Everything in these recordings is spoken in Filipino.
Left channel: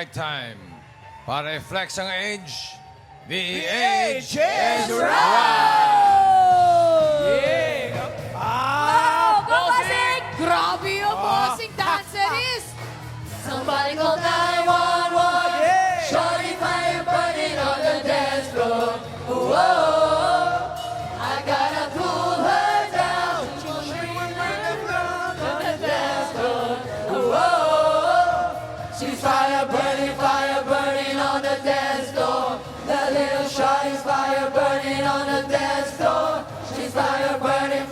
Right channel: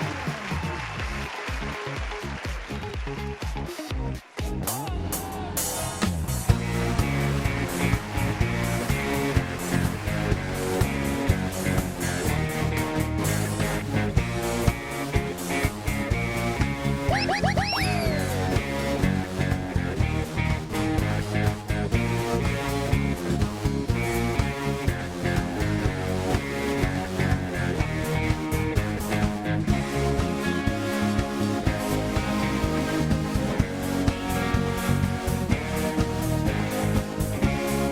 right time. Para i-flex ang age, PH is Kapatid! Grabe yung bossing dancerist! Somebody call 911. Shorty fire burning on the dance floor. Whoa, I gotta pull her down. She'll scream when I'm on the dance floor. Whoa, she's fire burning on the dance floor. That little shorty's fire burning on the dance floor. She's fire burning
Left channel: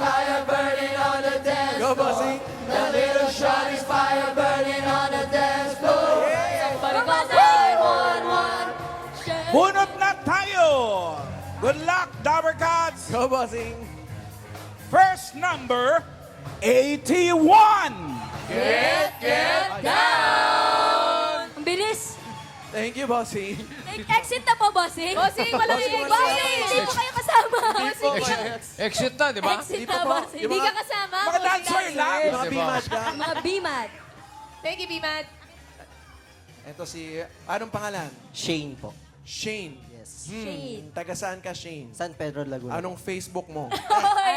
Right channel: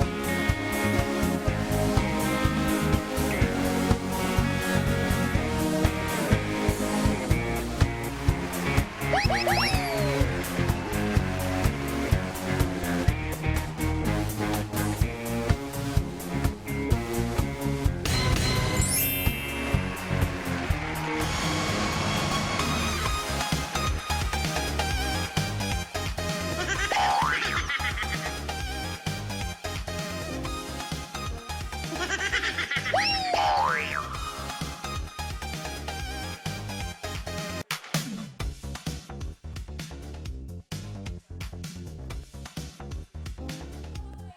on the dance floor. That little shorty's fire burning on the dance floor. Somebody call 911. Bunot na tayo! Good luck, Dabber Cats! Go, bossing. First number, 81! Bilis! Thank you, bossing. Exit na po, bossing. Bossing, walang exit. Bossing, hindi mo kayo kasama. exit na, di ba? Exit na, bossing. Hindi ka kasama. Mga dancer lang! Biman. Thank you, Biman. Ito si, anong pangalan? Shane po. Shane. Shane. Taga saan ka, Shane? San Pedro, Laguna. Anong Facebook mo? Hoy.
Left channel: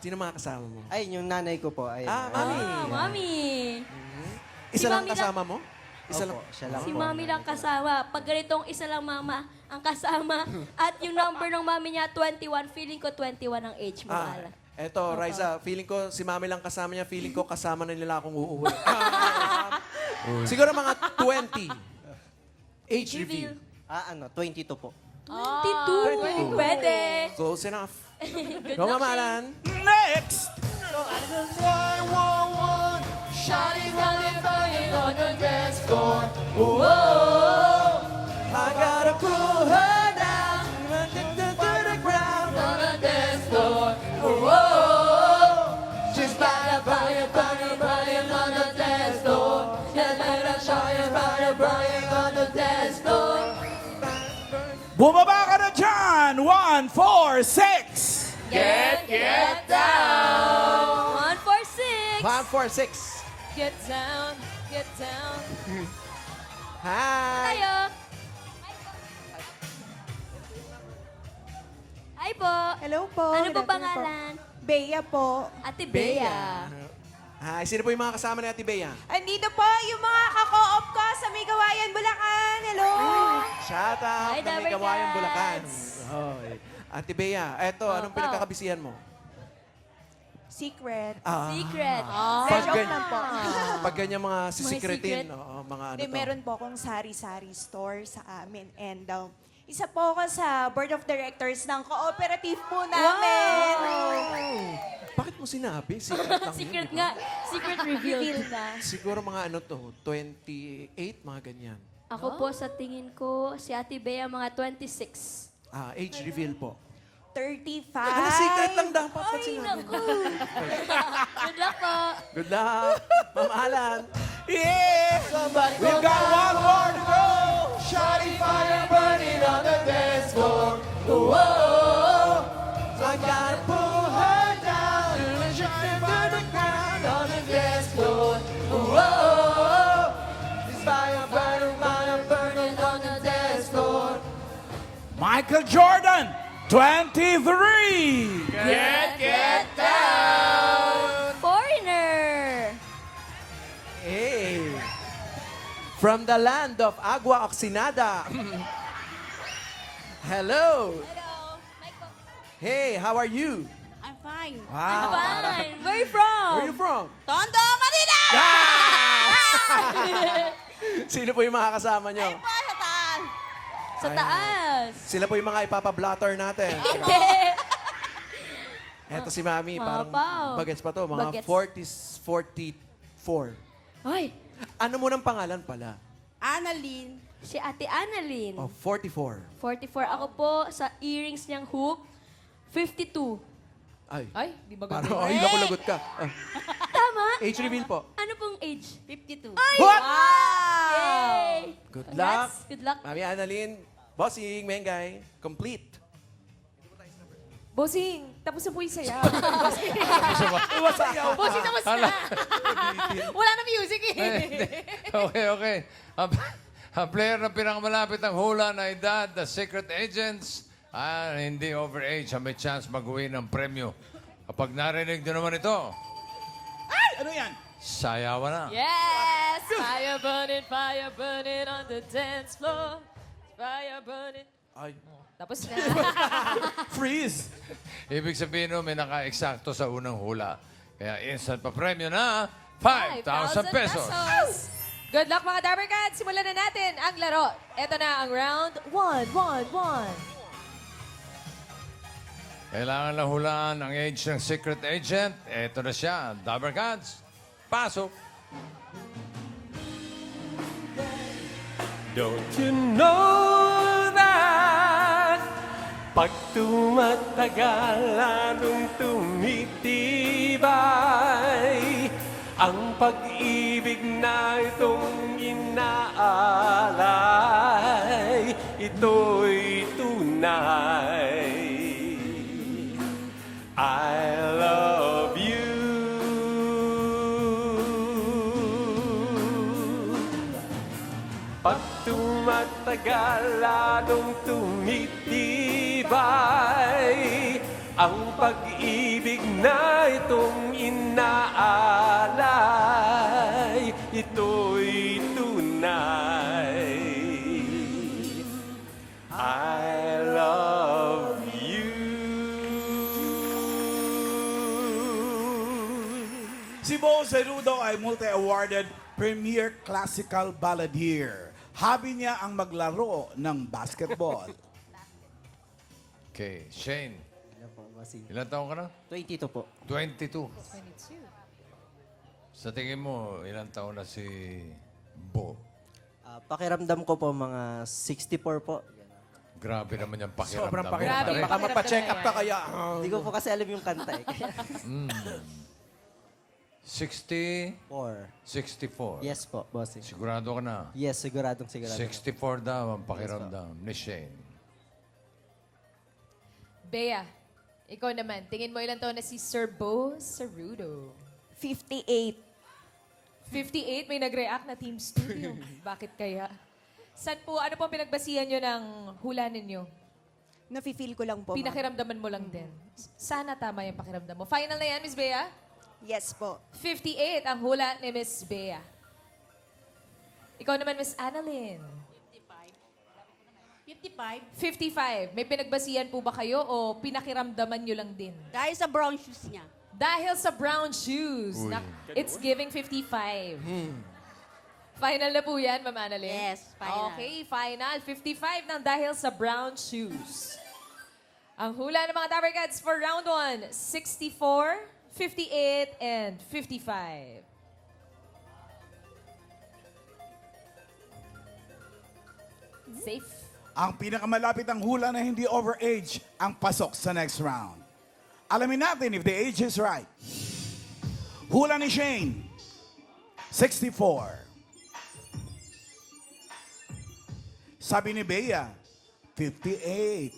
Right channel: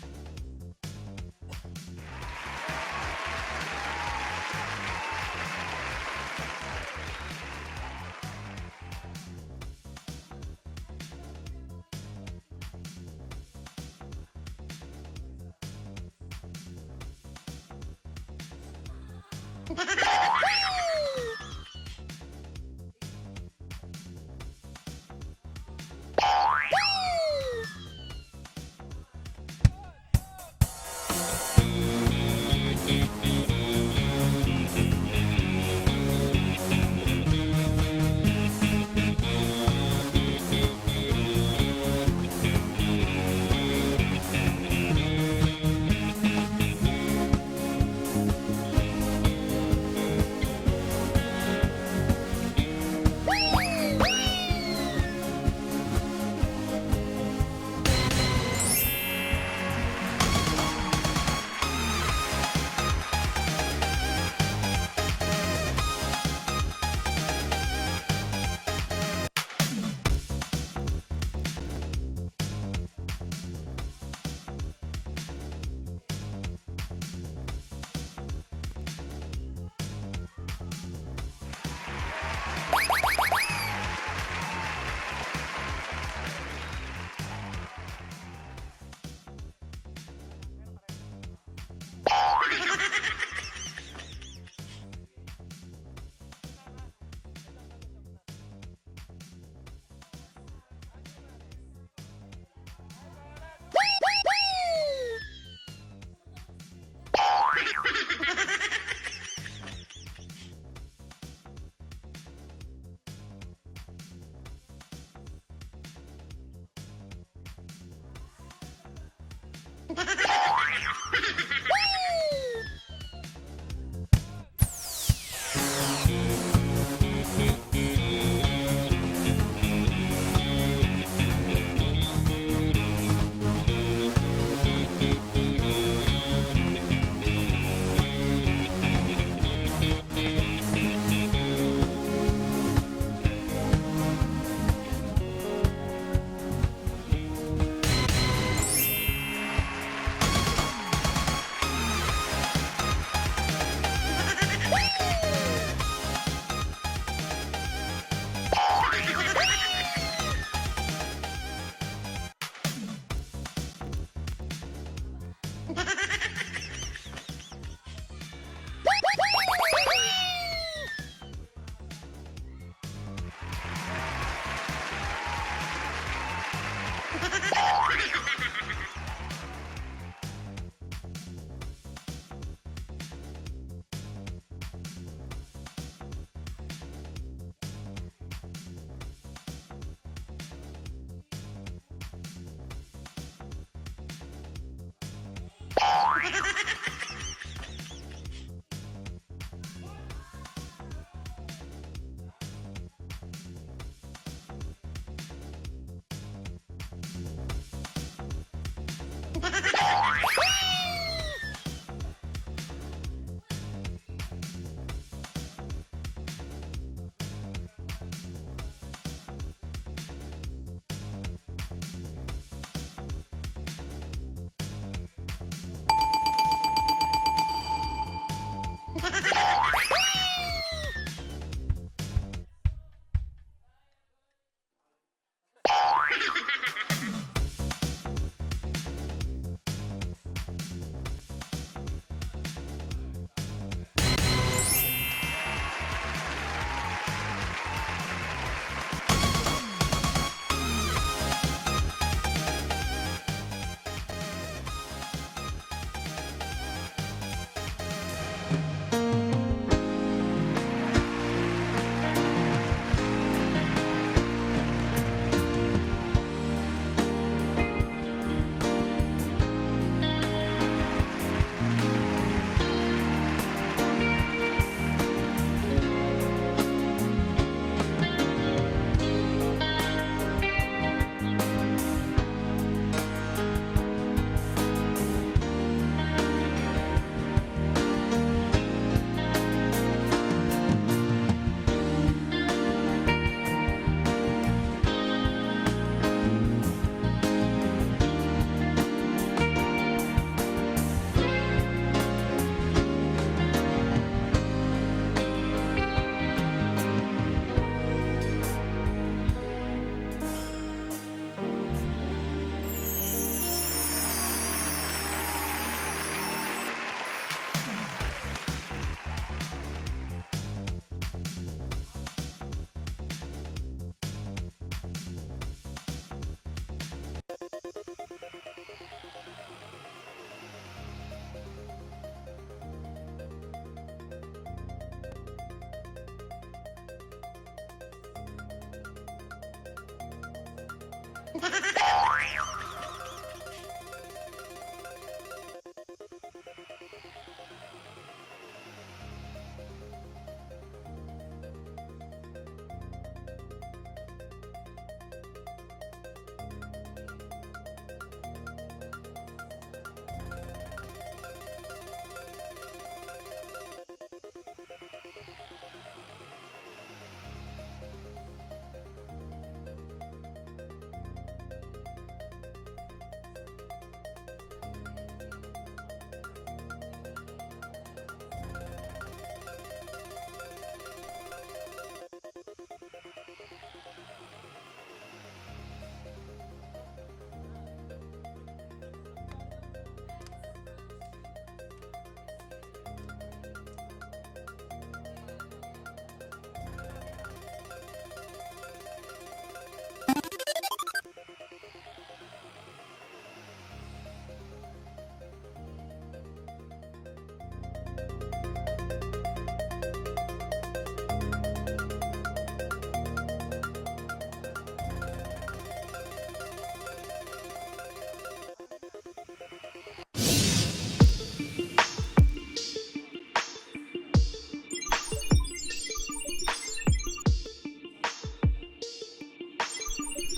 Sino mga kasama mo? Ay, yung nanay ko po. Ay, Mami. Mami. Isa lang Mami kasama mo? Isa lang. siya lang Si po. Mami lang kasama. Pag ganitong isa lang mama ang kasama. At yung number ng Mami niya, 21. Feeling ko 21 ang age mo. Ala. Eto, Raisa, feeling ko si Mami lang kasama niya, feeling ko kasama na nila akong uuwi. Siguro mga 20. Age Reveal. reveal. 22 po. 22. Pwede. Close enough. Good Go, luck, mamalan. Next! Shawty running on the dance floor. Whoa. I gotta pull her down. On the dance floor. Whoa. She's fire on the dance floor. And let her show you fire on the dance floor. Bumaba ka na dyan! 1, 4, 6! Get down. 1 for 6. 1, 4, 6. Get down. Get down. Hi. Tayo. Hi po. Hello po. Ano po Good afternoon pangalan? po. Bea po. Ate Bea. Hi, sino po yung mga kasama ni Ate Bea? Andito po yung mga ka-co-op ko sa May Gawayan, Bulacan. Hello. Shout out Hi, sa Dabber Gawayan, Cats. Bulacan. Ate Bea, eto, anong Opo. pinagkakabisihan mo? Secret. Secret. Pag, Joke gan- lang po. pag ganyan mga sisikretin, secret. mga ano Hindi, to. meron po akong sari-sari store sa amin. And isa po ako sa board of directors ng cooperative po namin. Bakit mo sinabi? Secret lang yun, Secret di ba? nga. Secret reveal. Siguro mga ano to, 28, mga ganyan. Ako po sa tingin ko, si Ate Bea mga 26. Age reveal po. 35. Ano, secret lang dapat pag Ay, sinabi naku. ko. Good luck po. Good luck! Ma'am Alan! Yeah! We got one more to go! Shawty fire burning on the dance floor. Whoa. I gotta pull her down. On the dance floor. Whoa. Fire burning on the dance floor. Michael Jordan, 23! Get down. Foreigner. Hey. From the land of Agua Oxinada. Hello. Hey, how are you? I'm fine. Wow. Fine. Where you from? Where you from? Tondo, Manila! Sino po yung mga kasama nyo? Sa taas. Sila po yung mga ipapa-blotter natin. Eto si Mami, parang Mapaw. bagets pa to, mga Bagets. 40s, 44. Ay, Ano mo ng pangalan pala? Annalyn. si Ate Annalyn. Oh, 44. 44. Ako po sa earrings niyang hoop, 52. Ay, di ba parang, ay, naku, lagot ka. Tama? Age reveal po. Ano pong age? 52. Ay! What? Yay! Good luck. Good luck. Mami Annalyn, Bossing, Mengay, complete. Bossing, tapos na po yung sayaw. Iwasayaw. Bossing, tapos na. Wala na music eh. Okay. Ang player na pinakamalapit ng hula na edad, the Secret Agents, hindi overage, may chance mag-uwi ng premyo. Kapag narinig nyo naman ito, Ano yan? sayawan na. Yes! Fire burning on the dance floor. Fire burning. Ay. Tapos Freeze. Ibig sabihin nun, may naka-eksakto sa unang hula. Kaya instant pa premyo na 5,000 pesos. Good luck mga Dabber Cats! Simulan na natin ang laro. Ito na ang round 1. Kailangan na hulaan ang age ng Secret Agent. Ito na siya, Dabber Cats. Pasok! Don't you know that pag tumatagal lalong tumitibay ang pag-ibig na itong inaalay, ito'y tunay. I love you. Pag tumatagal lalong tumitibay ang pag-ibig na itong inaalay, ito'y tunay. I love you. Si Bo Zerudo ay multi-awarded Premier Classical Balladeer. Hobby niya ang maglaro ng basketball. Okay, Shane. Ilan taon ka na? 22 po. 22. Sa tingin mo, ilang taon na si Bo? Pakiramdam ko po mga 64 po. Grabe naman yung pakiramdam. Sobrang mo. pakiramdam. Grabe. Baka magpa-check up ka kaya. Hindi ko po kasi alam yung kanta eh. 60, 64. Yes po, bossing. Sigurado ka na. Yes, siguradong sigurado. 64 daw ang pakiramdam ni Shane. Bea, ikaw naman. Tingin mo ilan taon na si Sir Bo Cerudo? 58. 58, may nag-react na Team Studio. Bakit kaya? Saan po, ano po pinagbasihan nyo ng hula ninyo? Nafe-feel ko lang po. ma'am. Pinakiramdaman mo lang din. Sana tama yung pakiramdam mo. Final na yan, Miss Bea? Yes po. 58 ang hula ni Miss Bea. Ikaw naman, Miss Annalyn. 55. 55. May pinagbasihan po ba kayo o pinakiramdaman nyo lang din? Dahil sa brown shoes niya. Dahil sa brown shoes, Uy. it's giving 55. Final na po yan, Ma'am Annalyn? Yes, final. Okay, final. 55 ng dahil sa brown shoes. Ang hula ng mga Dabber Cats for round 1, 64, 58, and 55. Safe? Ang pinakamalapit ang hula na hindi overage ang pasok sa next round. Alamin natin if the age is right. Hula ni Shane, 64. Sabi ni Bea, 58.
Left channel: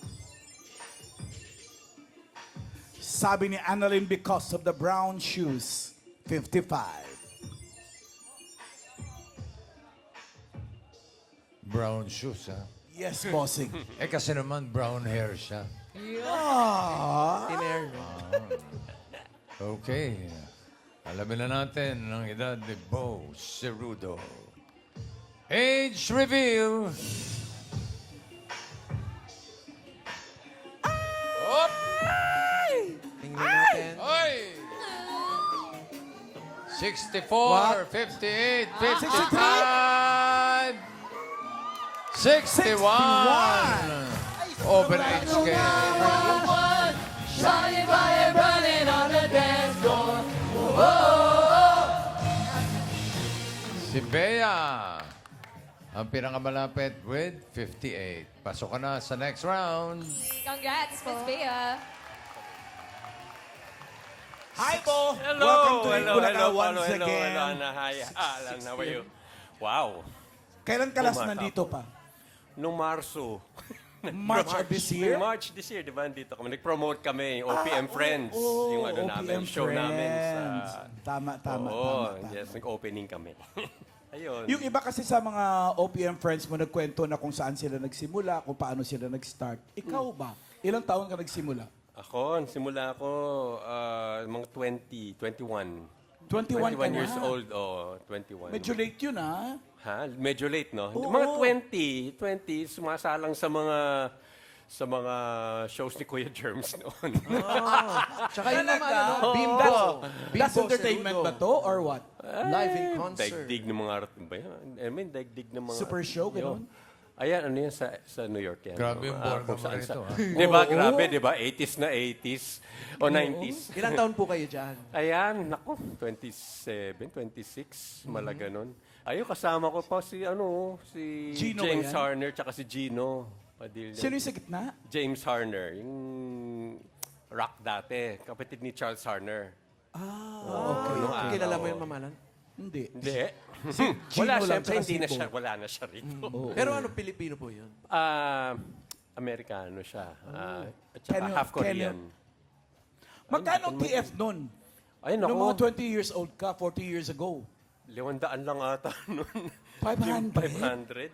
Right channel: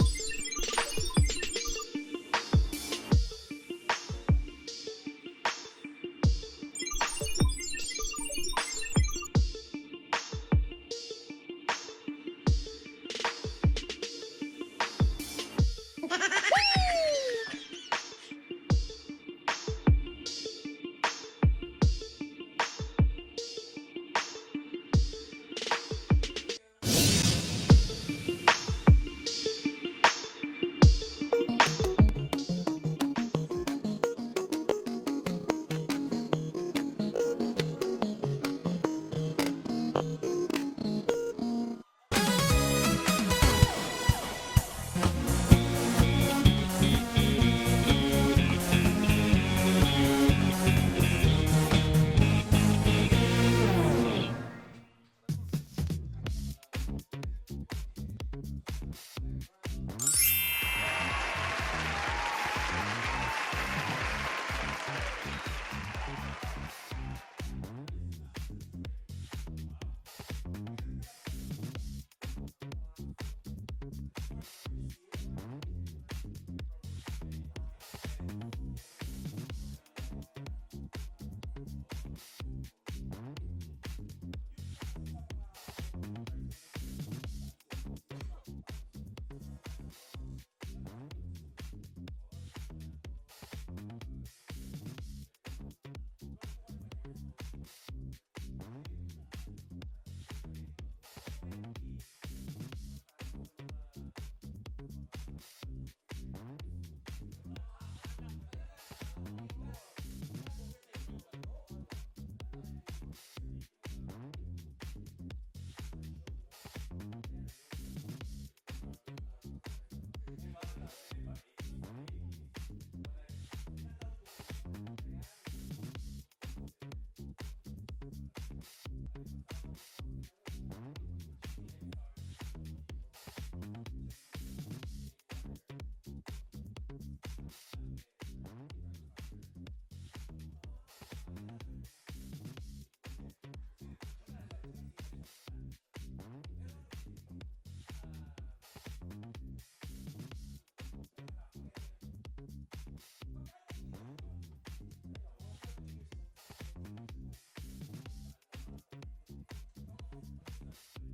Sabi ni Annalyn because of the brown shoes, 55. Brown shoes, ha? Yes, bossing. Eh kasi naman brown hair siya. Okay. Alamin na natin ang edad ni Bo Cerudo. Age reveal. Oh! Oy! 64, 58, 55, 61. Open age scale. Si Bea, ang pinakamalapit with 58. Pasok ka na sa next round. Congrats, Miss Bea. Hi, Bo. Hello, Welcome to hello, Bulacan hello, once hello, again. hello, Anna. Hi, Alan, how are you? Wow. Kailan ka last Welcome. nandito pa? nung Marso. March of this year? Nung March this year, di ba? Dito kami. Nag-promote kami, OPM Friends. Oh, yung ano namin, OPM show namin Friends. sa... Tama. Oo, yes. Nag-opening kami. Ayun. Yung iba kasi sa mga OPM friends mo, nagkwento na kung saan sila nagsimula, kung paano sila nag-start. Ikaw ba? Ilang taon ka nagsimula? Ako, simula ako mga 21 21 ka na. years old, 21. Medyo late yun, ha? Ha? Medyo late, no? Oo. Mga 20, sumasalang sa mga shows ni Kuya Germs noon. Tsaka yun naman, ano, Oo. Bimbo. That's Bimbo entertainment Cerudo. ba to or what? Live in concert. Daigdig ng mga art ba yan? I mean, daigdig ng mga... Super show, Yo. gano'n? Ayan, ano yan sa New York yan. Grabe yung buwan kung naman saan- ito, ha? Di ba? Grabe, di ba? 80s na 80s o 90s. Ilang taon po kayo dyan? Ayan, naku, 27, 26, malaga nun. Ayun, kasama ko pa si Gino James ba yan? Harner, tsaka si Gino Padilla. Sino yung sa gitna? James Harner, yung rock dati, kapatid ni Charles Harner. Okay. Nung araw. Kilala mo yung mamalan? Hindi. Hindi. Gino Wala, lang, syempre, tsaka hindi na Sipo. siya, wala na siya rito. Pero ano, Pilipino po yun? Amerikano siya. At saka Kenyo- half Korean. Magkano ang TF nun? Ay, Nung naku. mga 20 years old ka, 40 years ago. 500 lang ata nun. 500? 500?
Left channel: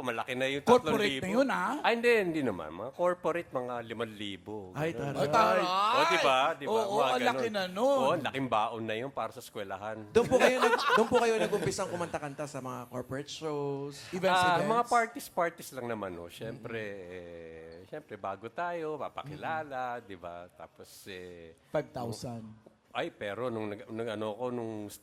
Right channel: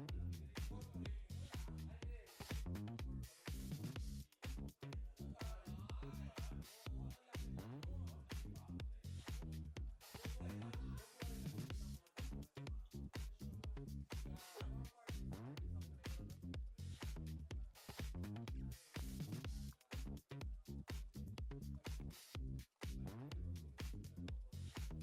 Malaki na yung 3,000. Corporate na yun, ha? Ay, hindi naman. Mga corporate, mga 5,000. Ay, Ganun. taray. taray! O, diba? Oo, Mga ang ganun. laki na nun. Oo, laking baon na yun para sa eskwelahan. Doon po kayo nag-umpisang kumanta-kanta sa mga corporate shows. Events. Mga parties lang naman, no? Siyempre, bago tayo, papakilala, di ba? Tapos, 5,000. ay, pero nung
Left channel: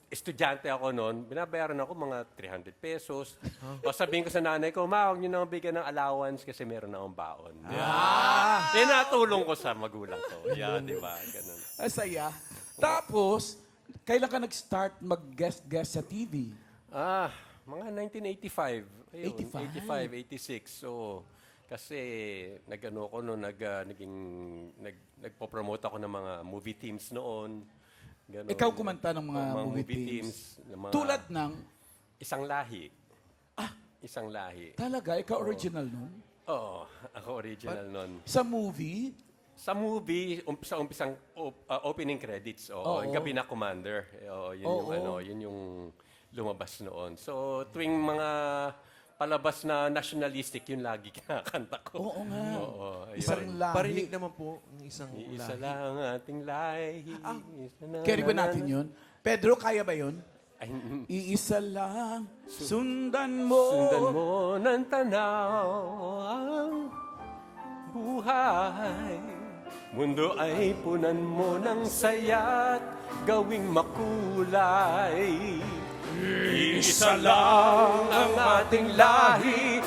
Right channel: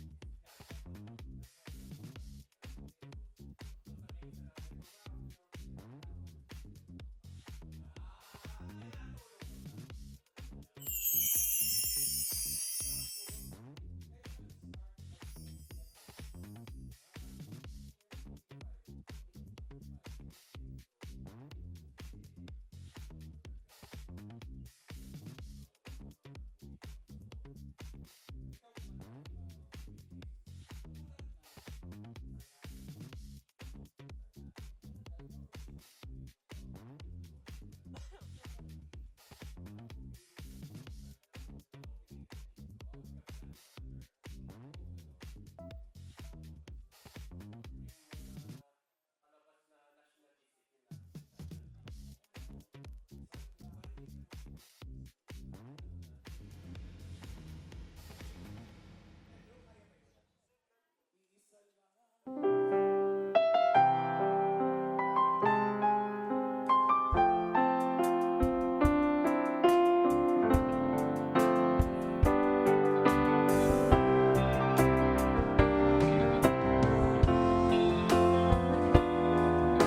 estudyante ako noon, binabayaran ako mga 300 pesos. O sabihin ko sa nanay ko, ma, huwag niyo nang bigyan ng allowance kasi meron akong baon. Yeah. Natulong ko sa magulang ko. Yeah, di ba? Ganun. Asaya. Tapos, kailan ka nag-start mag-guest sa TV? Mga 1985. Ayun, 85. 86. So, kasi nag-ano ko noon, nagpo-promote ako ng mga movie teams noon. Ganun. Ikaw kumanta ng mga movie teams. ng mga Tulad ng, isang lahi. Isang lahi. talaga, ikaw original nun? Oo, ako original noon. Sa movie? Sa movie, umpisang opening credits. Oo. Yung Gabi na Commander. Yun yung lumabas noon. So, tuwing mga palabas na nationalistic, yun lagi kinakanta ko. Oo nga. Oo, ayun. Isang lahi. Parinig naman po ng isang Isa lahi. lang ating lahi. Carry ba natin yun? Pedro, kaya ba yun? Ay, Iisa lang, sundan mo. sundan mo ng tanaw ang buhay. Mundo ay punan mo ng saya't gawing makulay. Isa lang ang ating lahi,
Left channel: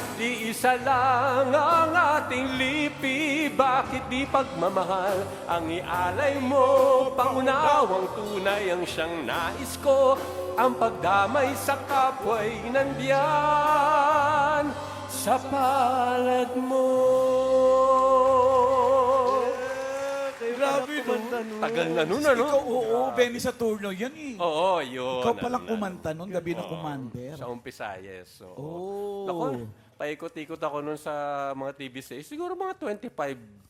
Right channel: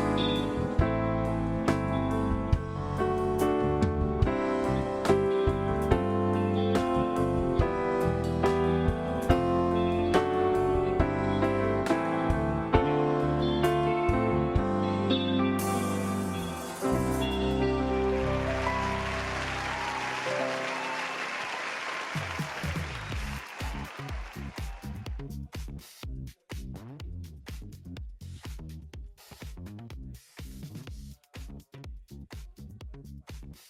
isa lang ang ating lipi. Bakit di pagmamahal ang ialay mo? Pangunawang tunay ang siyang nais ko. Ang pagdamay sa kapwa'y nandiyan sa palad mo. I love you. Tagal na nun, ano? Oo, Benny Saturno yan eh. Oo, yun. Ikaw palang kumanta nun, Gabi ng Commander. Sa umpisa, yes. So, Oh. Ako, paikot-ikot ako nun sa mga TV series. Siguro mga 25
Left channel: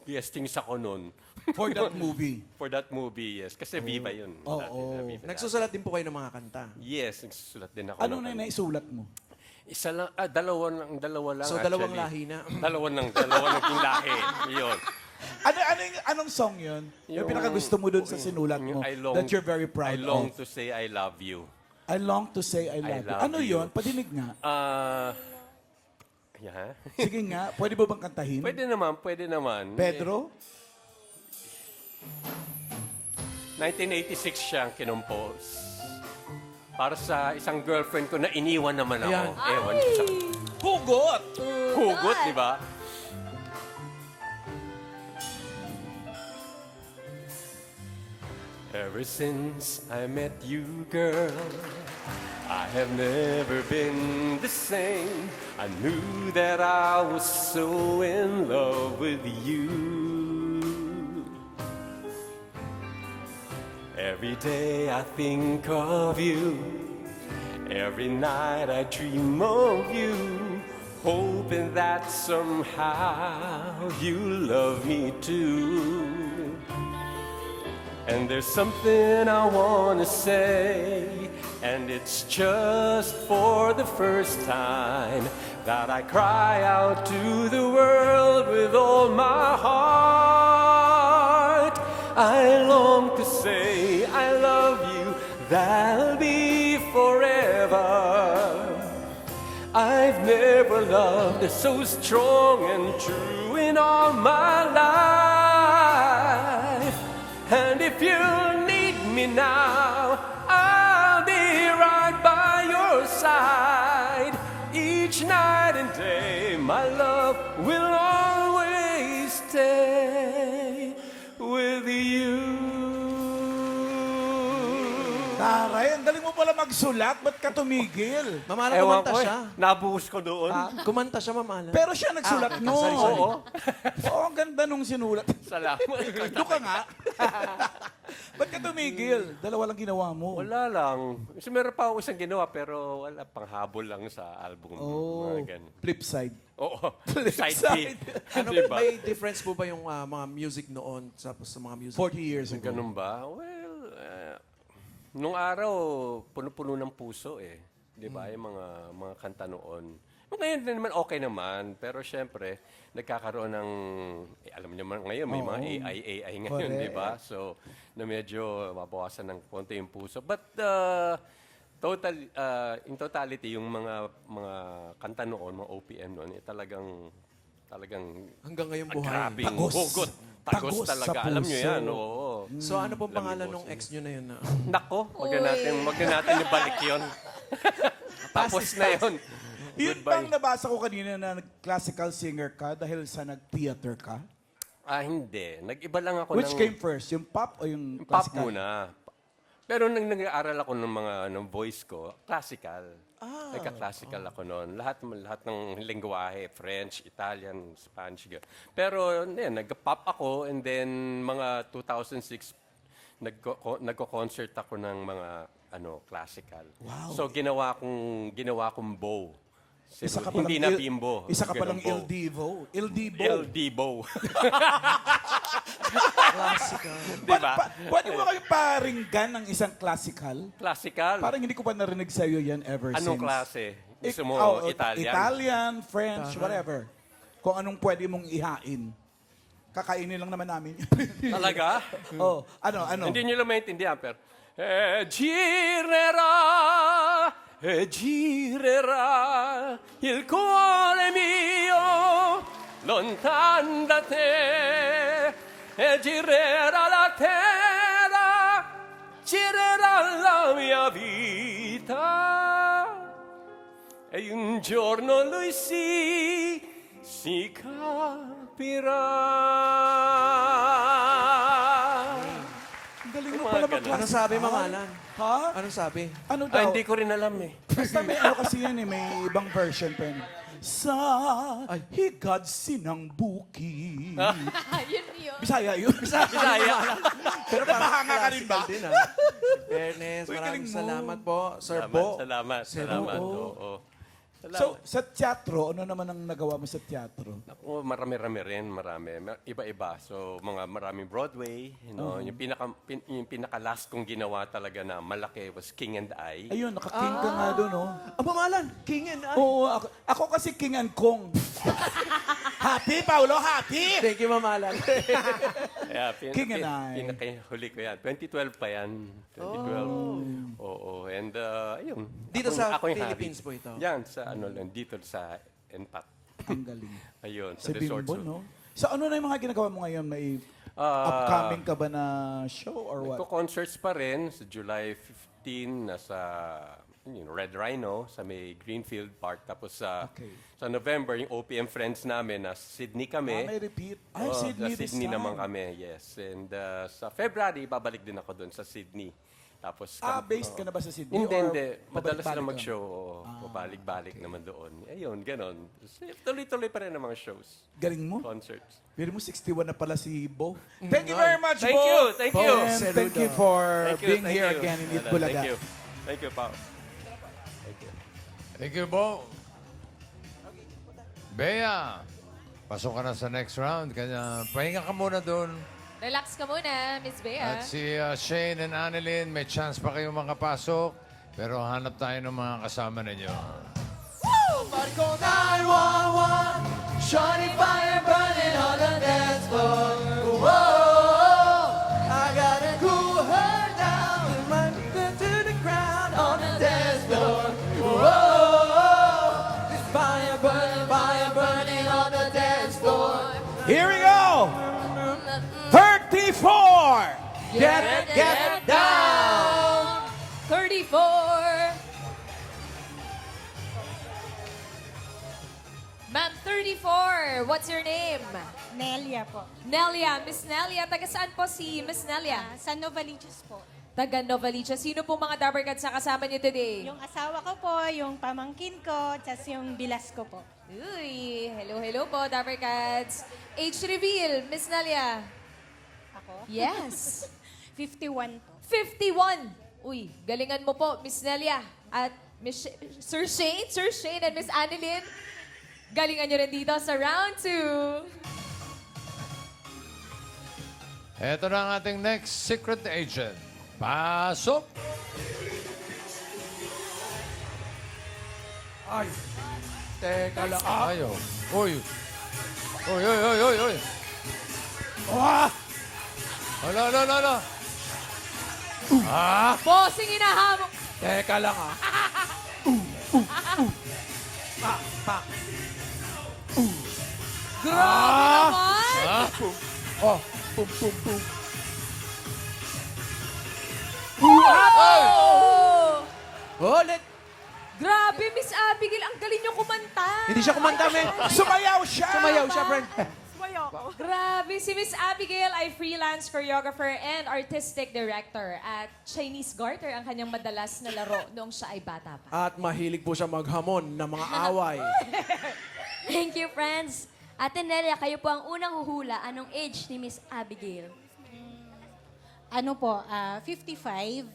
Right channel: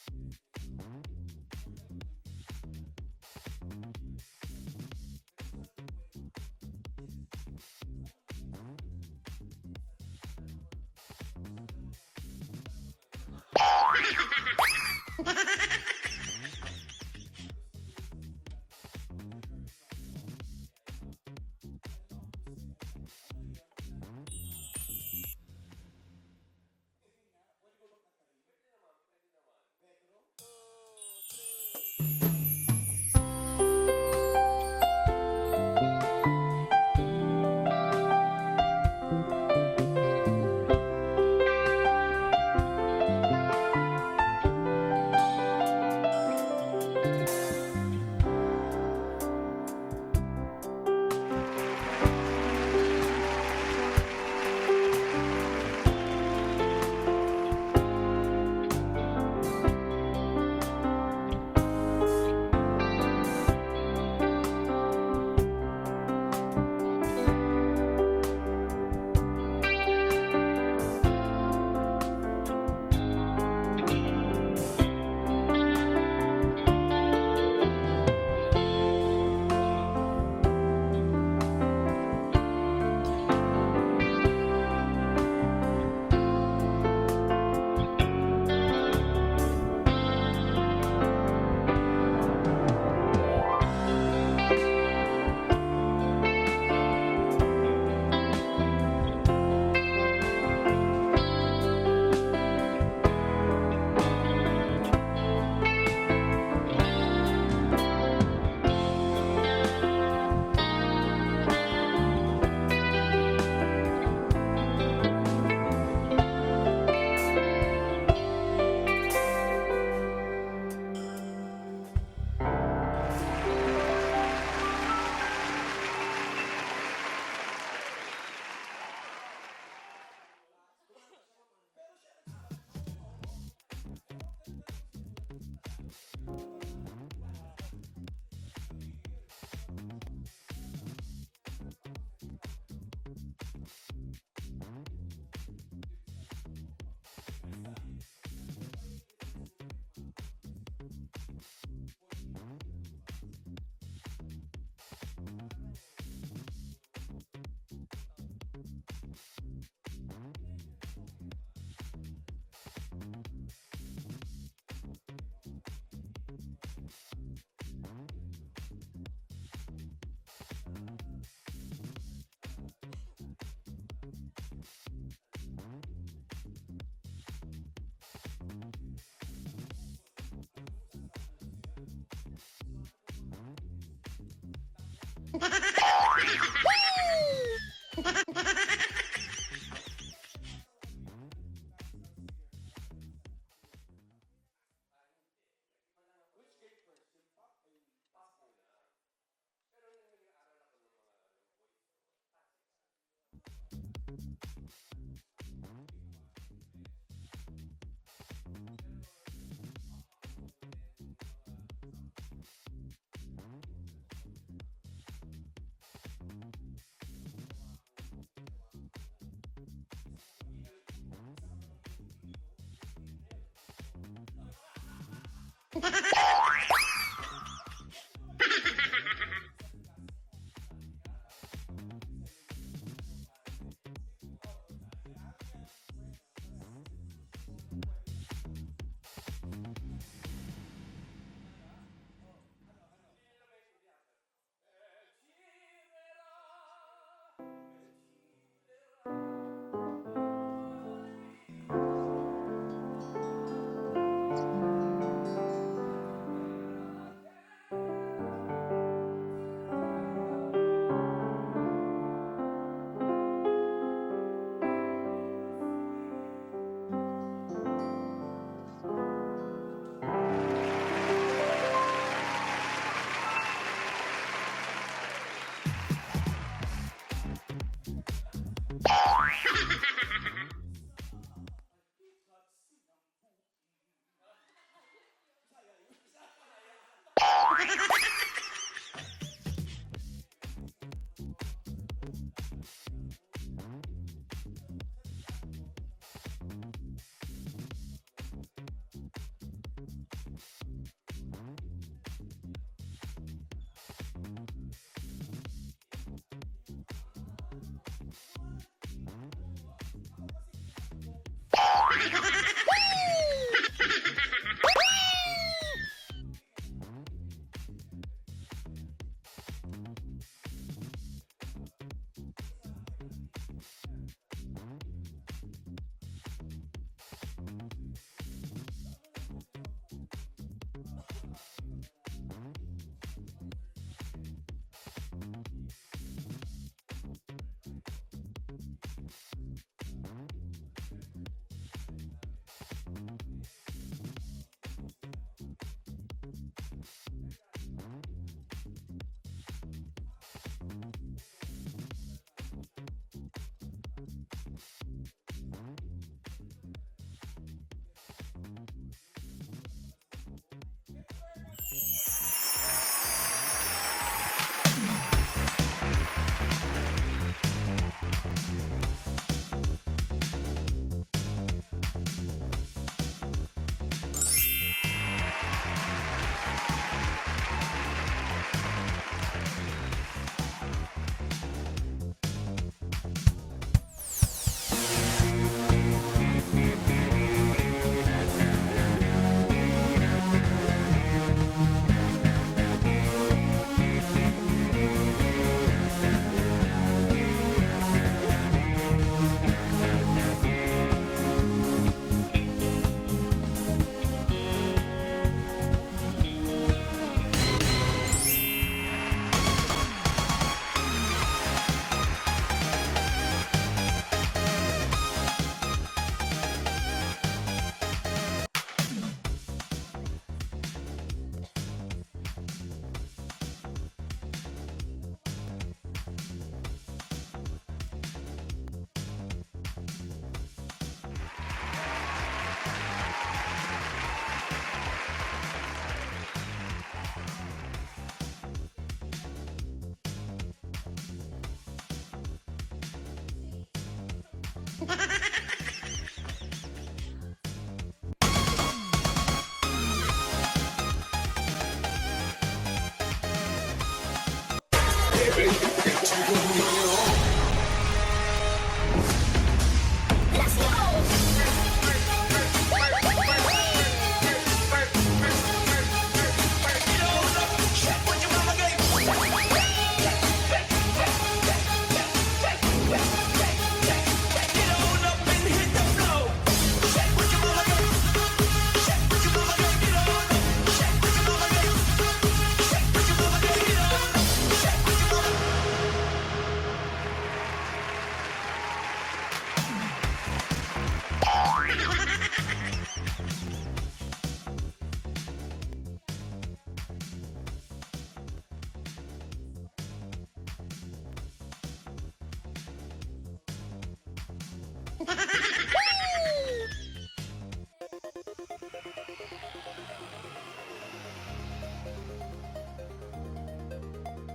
guestings ako nun. For that movie. For that movie, yes. Kasi Viva yun. Oo. Dati na Viva. Nagsusulat din po kayo ng mga kanta. Yes, nagsusulat din ako. Ano ng- na yung naisulat mo? Isa lang, dalawa lang So, dalawang lahi na. Dalawa ng lahi. Yun. Anong song yun? Yung Yung- pinakagusto mo dun sa sinulat mo Yung that you're very proud I long of? to say I love you. I long to say I love you. love Ano you. yun? Patinig nga. Yeah. Sige nga, pwede ba bang kantahin? Pwede naman. Pedro? 1986 siyang kinompose. Para sa isang girlfriend ko na iniwan naman ako. Ewan siya. Hugot! Hugot, di ba? Ever since I met you, girl, I have never been the same. I knew that I was so in love with you. Every day I think of you. Every night I dream of you. Hoping that somehow you love me too. And there's something I want to say, and it's just for the first time that I cry out to the world with all my heart. I long to say I love you, that'll be forever. I've never loved so strong and true in all my life. And if you need me now, I'll be right by your side. Each night and day, my love will always stay with you. Taray, ang galing mo pala magsulat. Ba't ka tumigil? Mama Alan, Ewan kumanta ko, siya. nabuhos ko doon. Kumanta siya, Mama Alan. Pero siya nagsulat Ah, nun. sorry, sorry. Oo. Oo, ang ganda nung sinulat. Salamat. Doon ka nga. Ba't ka tumigil? Dalawa lang ginawa mo. Wala lang. Kasi meron pa ako isang ginawa pero wala, panghabol lang sa album. Oh, Mga ganun. flip side. Oo. Flip Side side. B. Ano, Diba? may difference po ba yung mga music noon sa mga music? 40 years ago. Ganun ba? Well, nung araw, puno-puno ng puso eh. Di ba? Yung mga kanta noon. Ngayon din naman okay naman. Pero syempre, nagkakaroon ng, alam niyo naman ngayon, may mga AI ngayon, Correct. di ba? So, na medyo mabawasan ng konti yung puso. But, in totality, yung mga kanta noon, mga OPM noon, eh, talagang Hanggang ngayon buhay. grabing Tagos. hugot. Tagos Tagos talaga. sa Alam niyo puso. yan, oo. So ano po Alam pangalan niyo po. ng ex nyo na yun? Nako, wag natin ibalik yun. Tapos na yun. Yun Goodbye. bang nabasa ko kanina na classical singer ka dahil sa nag-theater ka? Hindi. Nag-iba lang ako Which ng... came first? Yung pop o yung Pop classical? muna. Pero nang nag-aaral ako ng mga voice ko, classical. Nagka-classical ako noon. Lahat ng lingwahe, French, Italian, Spanish. Pero nag-pop ako and then mga 2006, nagko-concert ako ng mga classical. Wow. So ginawa kong bow. Isa ka Hindi palang na bimbo. Isa ka palang Ganun, Il Divo. Il Divo. El Divo. Diba? Pwede mo kayong paringgan ng isang classical? Classical. Parang hindi ko pa narinig sa'yo yan ever Anong since. klase? Gusto mo Italian? Italian, French, whatever. Kung anong pwede mong ihain. Kakainin lang naman namin. Talaga? Oh, ano? Hindi nyo lang maintindihan, pero... girerà il cuore mio lontan da te e girerà la terra, girerà la mia vita e un giorno lui si capirà. Ano sabi, Mama Alan? Ha? Ano sabi? Ano daw? Hindi ko rin alam eh. Basta may kasi yan eh, may ibang version pa yan. Sa higad sinang buki. Yun yun. Bisaya yun. Bisaya. Pero nakakanga ka rin ba? Din, Fairness, Uy, galing maraming mo. salamat po, Sir Bo. Salamat. Oo. Oo. So, sa teatro, ano naman ang nagawa mo sa teatro? Ako, marami-rami rin, marami. Iba-iba. So, maraming Broadway. Yung pinaka-last kong ginawa talaga na malaki was King and I. Ayun, naka-king ka nga doon, oh. Mama Alan, King and I. Oo, ako kasi King and Kong. Happy, Paolo, happy! Thank you, Mama Alan. Yeah, King and I. Pinaka-huli ko yan. 2012 pa yan. 2012. Oo. And, ayun. Dito sa Ako yung Philippines hobby. po ito. Yan, dito sa NPAP. Ang galing. Ayun, Sa resort. Bimbo, no? So, ano na yung mga ginagawa mo ngayon? May Ah, upcoming ka ba na show or what? Concerts pa rin sa July 15 nasa Red Rhino sa may Greenfield Park. Tapos sa November, yung OPM friends namin na Sydney kami. May repeat. Ay, Oo, Sydney sa this Sydney time. naman kami, yes. And sa February, babalik din ako doon sa Sydney. Tapos, Based ka na ba sa Sydney? Hindi, or hindi. Madalas babalik-balik sila ka? mag-show. Pabalik-balik naman doon. Ayun, ganon. Tuloy-tuloy pa rin ang mga shows. Galing mo. Concerts. Pero mo 61 na pala si Bo. Thank you very much, Thank Bo. you, thank you. And thank you for being Thank here you. again in Bulaga. Thank you. Thank you, Pop. Thank you, Bo. Bea, pasok ka na sa next round. Kaya pahinga ka muna doon. Relax ka muna, Miss Bea. At si Shane and Annalyn, may chance pa kayo makapasok. Pero hanap tayo ng mga kasama ninyo. Shorty fire burning on the dance floor. I gotta cool her down. Might go to the ground on the dance floor. Fire burning on the dance floor. Here we go. 34. Get down. 34. Ma'am, 34. What's your name? Nelia po. Nelia. Miss Nelia. Taga saan po si Miss Nelia? San Novaliches po. Taga Novaliches. Sino po mga Dabber Cats na kasama niyo today? Yung asawa ko po, yung pamangkin ko, tas yung bilas ko po. Uy, hello po, Dabber Cats. Age reveal, Miss Nelia. Yes. 51. 51. Uy, galingan mo po, Miss Nelia. At Sir Shane and Miss Annalyn. Galingan nyo rin dito sa round 2. Ito na ang ating next secret agent. Pasok! Uy! Uy, uy, uy, uy, uy! Ala. Bossing hinahabol. Teka lang. Ulit. Grabe, Miss Abigail, ang galing nyo kumanta. Hindi siya kumanta, men. Sumayaw siya, friend. Grabe, si Miss Abigail ay freelance choreographer and artistic director at Chinese garter ang kanyang madalas na laro noong siya ay bata pa. At mahilig po siya maghamon ng mga away. Thank you, friends. Ate Nelia, kayo po ang unang huhula. Anong age ni Miss Abigail? Ano po, 55.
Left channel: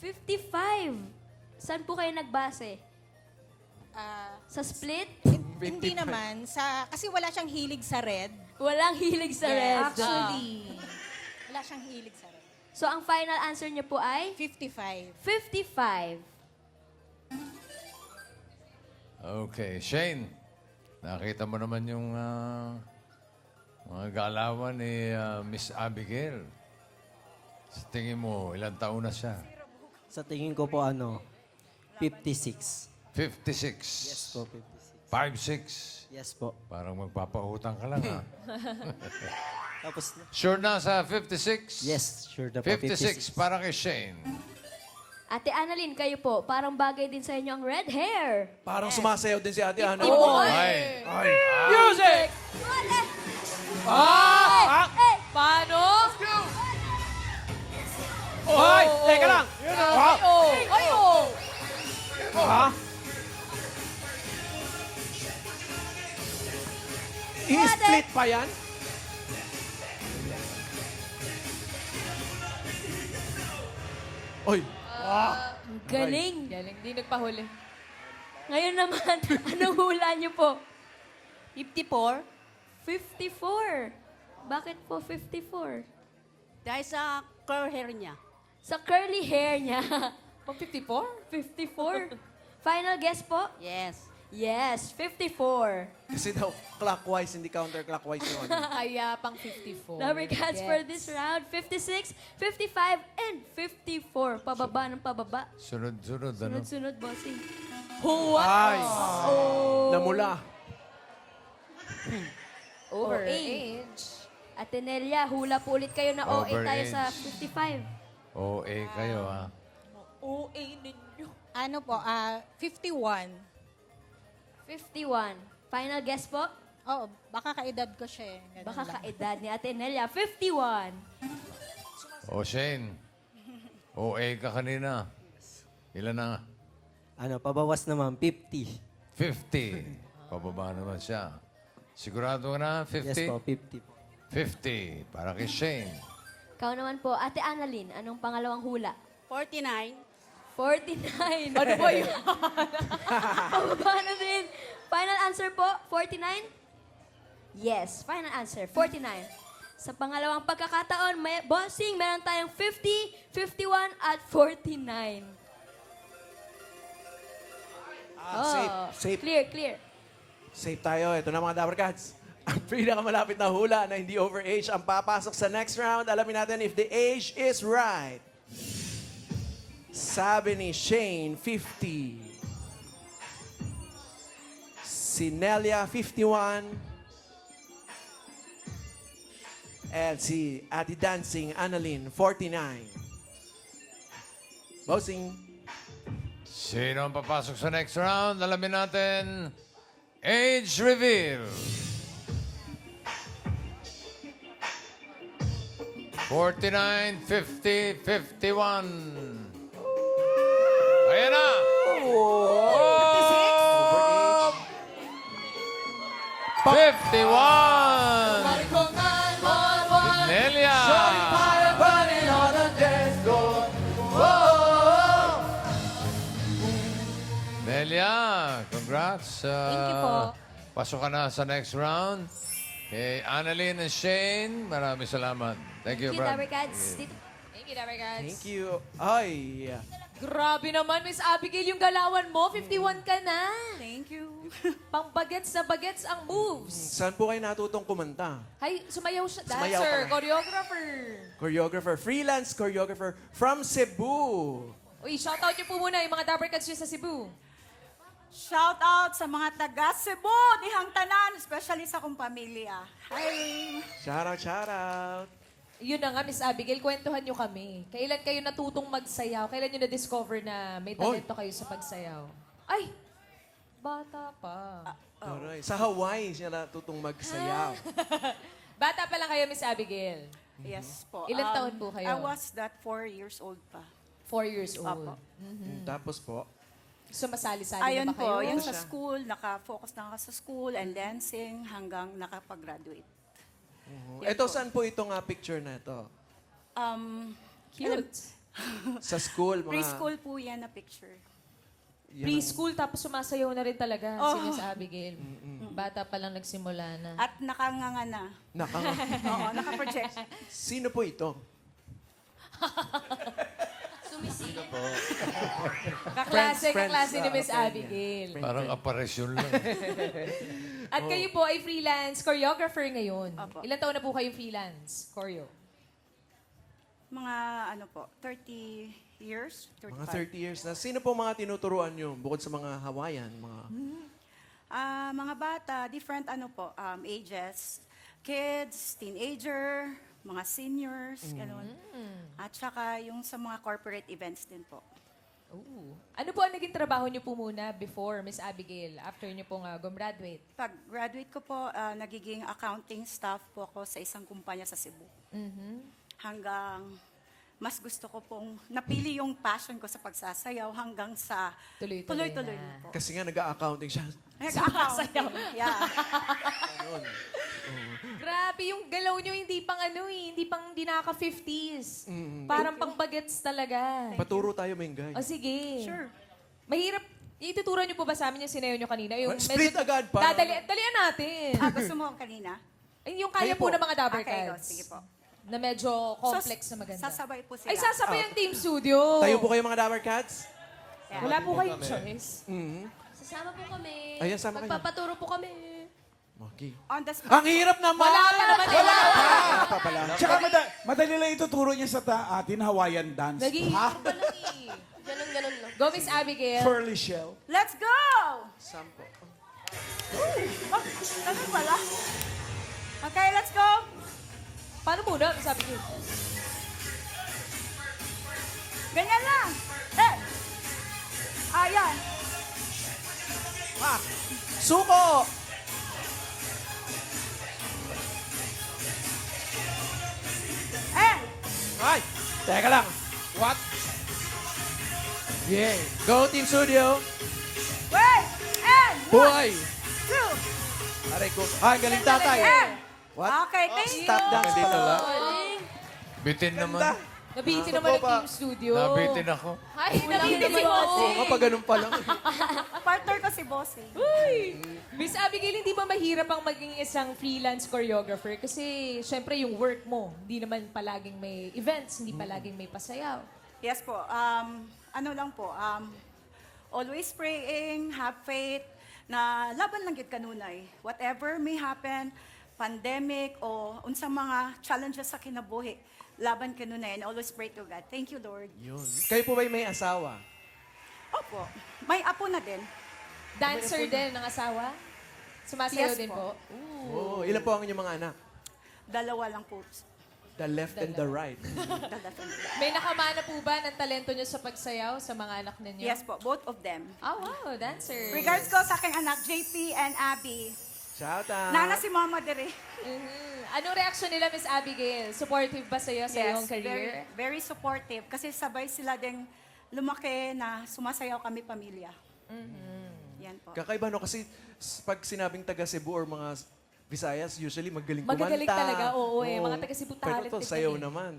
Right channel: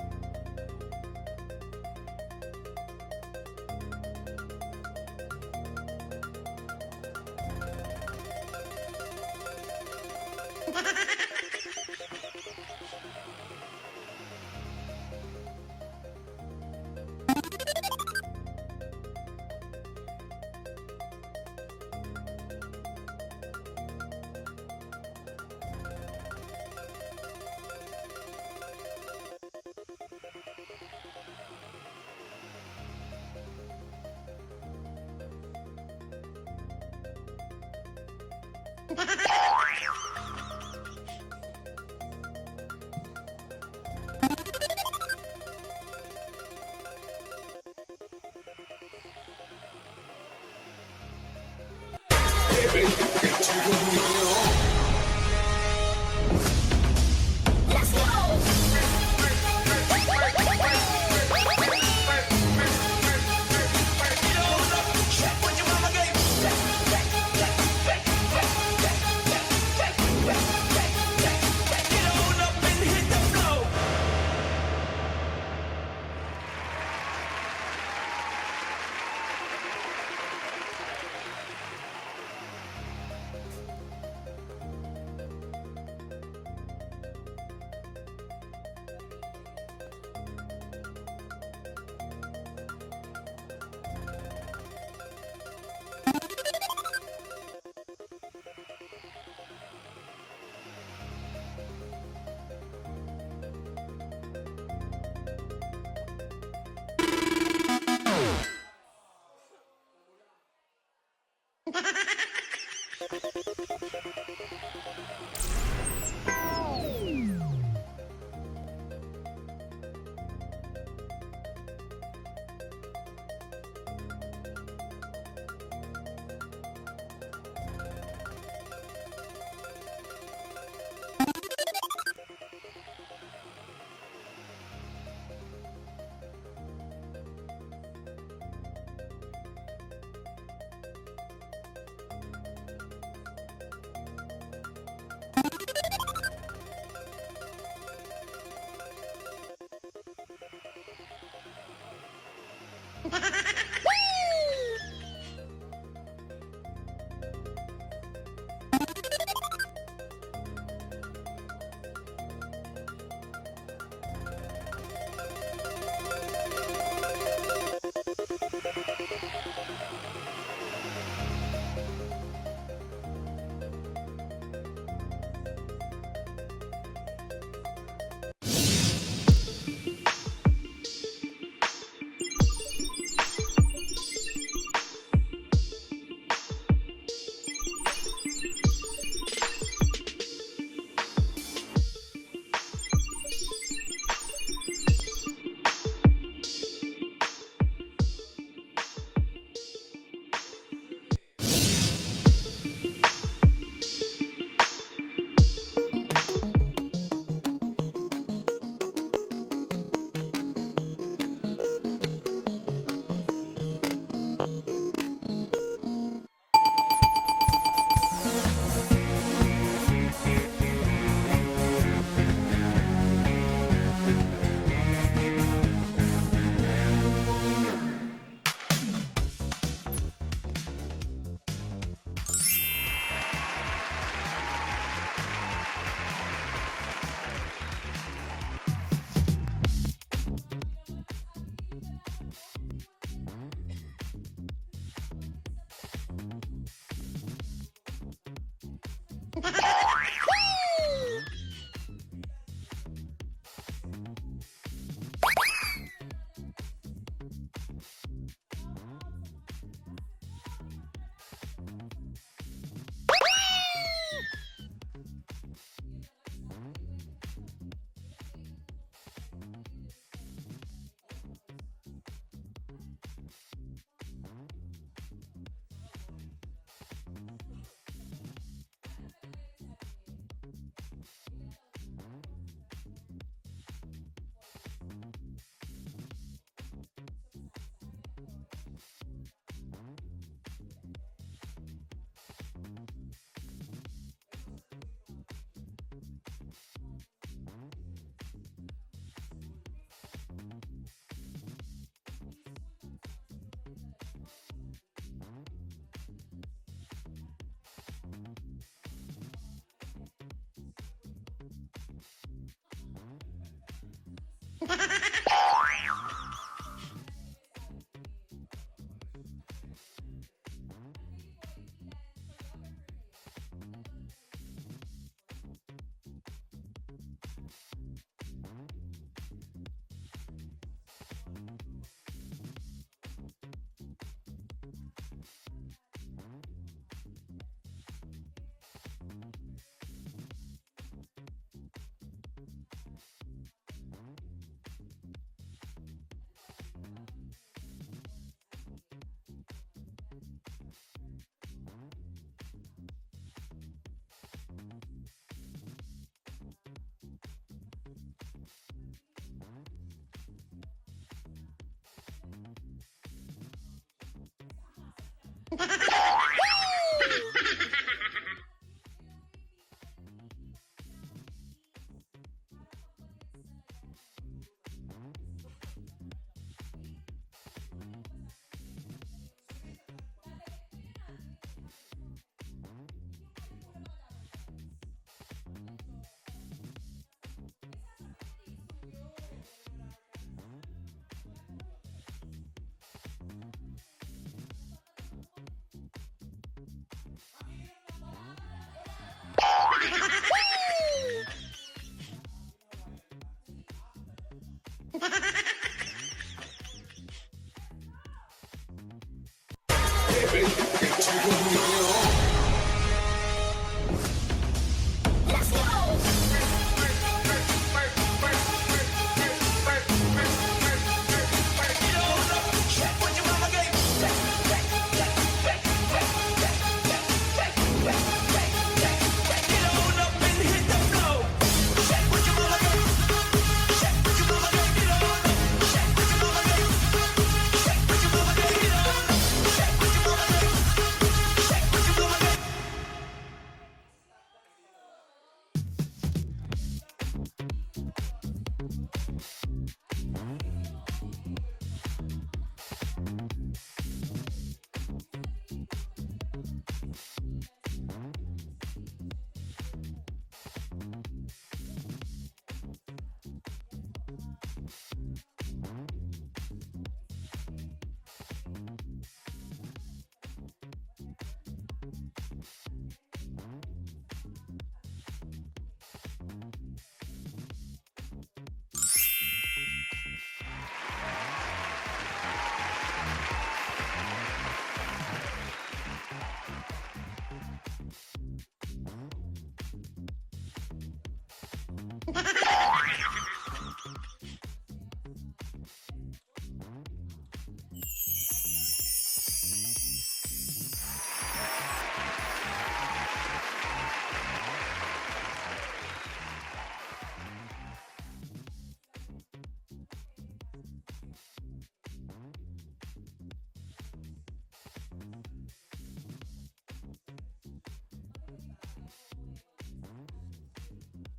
55. Saan po kayo nagbase? Ah, Sa split? hindi naman, kasi wala siyang hilig sa red. Walang hilig sa red. Actually, wala siyang hilig. So, ang final answer niyo po ay 55. 55. Okay, Shane. Nakita mo naman yung mga galawan ni Miss Abigail. Sa tingin mo, ilang taon na siya? Sa tingin ko po 56. 56. Po, 5'6". yes po. Parang magpapautang ka lang, ha? Tapos, Sure na sa 56? yes, sure na po. 56 para kay Shane. Ate Annalyn, kayo po, parang bagay din sa inyo ang red hair. Parang sumasayaw din si Ate Ana. Ay! Music! Paano? Ay, teka lang! I-street pa yan? Oy, Galing. Hindi nagpahuli. Ngayon naman, anong hula niyo po? 54. 54. Bakit po 54? Dahil sa curl hair niya. Sa curly hair niya. Pang 54? 54. Final guess po? Yes. Yes, 54. kasi daw clockwise, hindi counterclockwise yun. Kaya pang 54. Number cats for this round, 56, 55, and 54. Pababa ng pababa. Sunod-sunod, ano? Sunod-sunod. Ay, Oh. namula. Over 8. Ate Nelia, hula po ulit kayo na okay Over tayo eight. sa 55. OA kayo, ha? OA ninyo. Ano po, 51. 51. Final guess po? Oh, baka kaedad ko siya eh. Baka kaedad ni Ate Nelia. 51. O, Shane. OA ka kanina. Ilan na? Pabawas naman, 50. 50. Pababa naman siya. Sigurado ka na? 50? Yes po, 50. 50. Para kay Shane. Ikaw naman po, Ate Annalyn, anong pangalawang hula? 49. 49. Ano ba yun? Pababa na din. Final answer po, 49? Yes, final answer, 49. Sa pangalawang pagkakataon, bossing, meron tayong 50, 51, at 49. Safe, Clear, clear. safe tayo. Ito na mga Dabber Cats. Ang pinakamalapit na hula na hindi over age ang papasok sa next round. Alamin natin if the age is right. Sabi ni Shane, 50. Si Nelia, 51. At si Ate Dancing, Annalyn, 49. Bossing. Sino ang papasok sa next round? Alamin natin. Age reveal. 49, 50, 51. Ayan na! Oh! 51! Nelia! Nelia, congrats. Thank you po. Pasok ka na sa next round. Kay Annalyn and Shane, maraming salamat. Thank you, bro. Dabber Cats. Thank you, Dabber Cats. Thank you. Ay, Grabe naman, Miss Abigail, yung galawan mo. 51 ka na. Thank you. Pang bagets na bagets ang moves. saan po kayo natutong kumanta? Ay, sumayaw siya. Dancer, choreographer. Choreographer, freelance choreographer from Cebu. Uy, shoutout niyo po muna yung mga Dabber Cats niyo sa Cebu. Shout out sa mga taga Cebu, dihang tanan, especially sa kong pamilya. Shout out. Yun na nga, Miss Abigail, kwentuhan niyo kami. Kailan kayo natutong magsayaw? Kailan niyo na-discover na may talento kayo sa pagsayaw? Ay, bata pa. Alright. Sa Hawaii siya natutong magsayaw. Bata pa lang kayo, Miss Abigail. Yes po. Ilan taon po kayo? I was that 4 years old pa. 4 years old. Apo. Tapos po, Sumasali-sali Ayun na ba kayo? po, yung sa Siya. school, naka-focus na ako sa school and dancing hanggang nakapag-graduate. Yan ito po. saan po itong picture na ito? Cute. Sa school, mga... Preschool po yan na picture. yan ang- Preschool, tapos sumasayaw na rin talaga si Oh. Miss Abigail. Bata pa lang nagsimula na. At nakanganga na. Oo, naka-project. Sino po ito? Sumisilip. Kaklase, friends, kaklase ni ah, Miss okay, Abigail. Parang aparisyon lang. At kayo po ay freelance choreographer ngayon. Opo. Ilan taon na po kayo freelance choreo? Mga ano po, 30 years? 35. Mga 30 years na. Sino po mga tinuturuan nyo bukod sa mga Hawaiian? Mga... Mga bata, different ano po, ages. Kids, teenager, mga seniors, gano'n. At saka yung sa mga corporate events din po. Ooh. Ano po ang naging trabaho niyo po muna before, Miss Abigail, after niyo pong gumraduate? Pag graduate ko po, nagiging accounting staff po ako sa isang kumpanya sa Cebu. Hanggang mas gusto ko pong napili yung passion ko sa pagsasayaw hanggang sa Tuloy-tuloy tuloy-tuloy na. na po. Kasi nga nag-accounting siya. Nag-accounting. Grabe, yung galaw niyo hindi pang hindi nakaka-50s. Parang pang bagets talaga. Paturo tayo, Mengay. O sige. Sure. Mahirap. Ituturo niyo po ba sa amin yung sinayaw niyo kanina? Yung Split agad pa. Dalian natin. Gusto mo kanina? Ay, yung kaya Kayo po po. ng mga Dabber Okay, Cats. sige po. Na medyo complex So, na maganda. Sasabay po sila. Ay, sasabay ang Team Studio. Tayo po kayo mga Dabber Cats. Yeah. Wala po kayong choice. Sasama po kami. Ayan, sama kayo. Magpapaturo po kami. Okay. On the spot. Ang hirap naman! Wala pa naman. Wala pa. Tsaka madali lang ituturo niya sa atin Hawaiian dance. Nag-iisip pa lang eh. Go, Miss Abigail. Pearly shell. Let's go! Sampo. Okay, let's go! Paano muna? Sabi ko. Ganyan lang! Ayan! Suko! Ay! Teka lang. What? Yeah. Go Team Studio. Boy! Ay, galing tatay. What? Okay, thank you! Stop dance dito lang. Bitin naman. Nabitin naman ang Team Studio. Nabitin ako. Ay, nabitin si Bossing. Oo, kapag ganun pa lang. Partner ko si Boss. Uy! Miss Abigail Gail, hindi ba mahirap ang maging isang freelance choreographer? Kasi, syempre, yung work mo, hindi naman palaging may events, hindi palaging may pasayaw. Yes po. Ano lang po, always praying, have faith, na laban lang gid kanunay. Whatever may happen, pandemic o unsang mga challenges sa kinabuhi, laban kanunay and always pray to God. Thank you, Lord. Yun. Kayo po ba may asawa? May apo na din. Dancer din ang asawa? Sumasayaw Yes din po. po? Oo. Ilan po ang inyong mga anak? Dalawa lang po. The left and the right. May nakamana po ba ng talento niyo sa pagsayaw sa mga anak ninyo? Yes po, both of them. Oh, wow, dancer. Regards ko sa aking anak, JP and Abby. Shout out. Nana si Mama dire. Anong reaction nila, Miss Abigail? Supportive ba sa'yo sa iyong career? Very supportive. Kasi sabay sila din lumaki na sumasayaw kami pamilya. Yan po. Kakaiba no kasi pag sinabing taga Cebu or mga Visayas, usually magaling kumanta. Magagaling talaga, oo eh. Mga taga Cebu Pero talented to, sayaw eh. naman.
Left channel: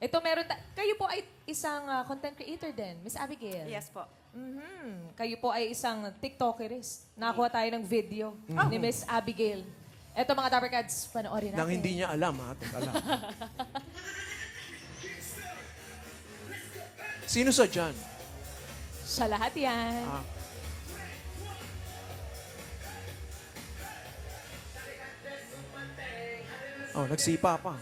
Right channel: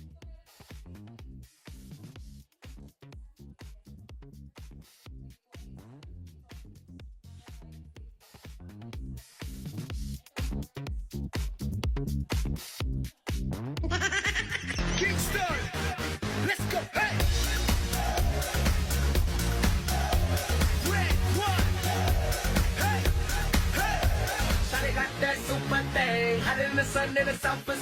Ito meron, kayo po ay isang content creator din, Miss Abigail. Yes po. Mhm. Kayo po ay isang TikTokerist. Nakakuha tayo ng video ni Miss Abigail. Ito mga Dapper Cats, panoorin natin. Nang hindi niya alam, ha? Alam. Sino sa dyan? Sa lahat yan. Nagsipa pa.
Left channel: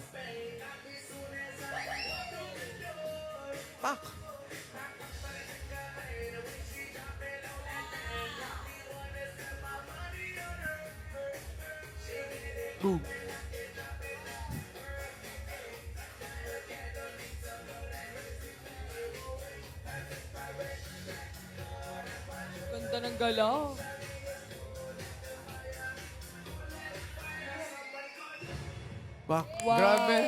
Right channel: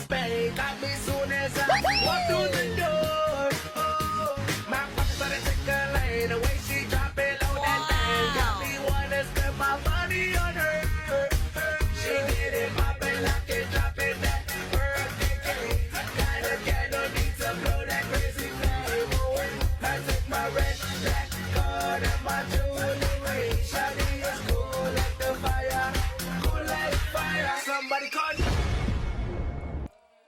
Ba? Grabe.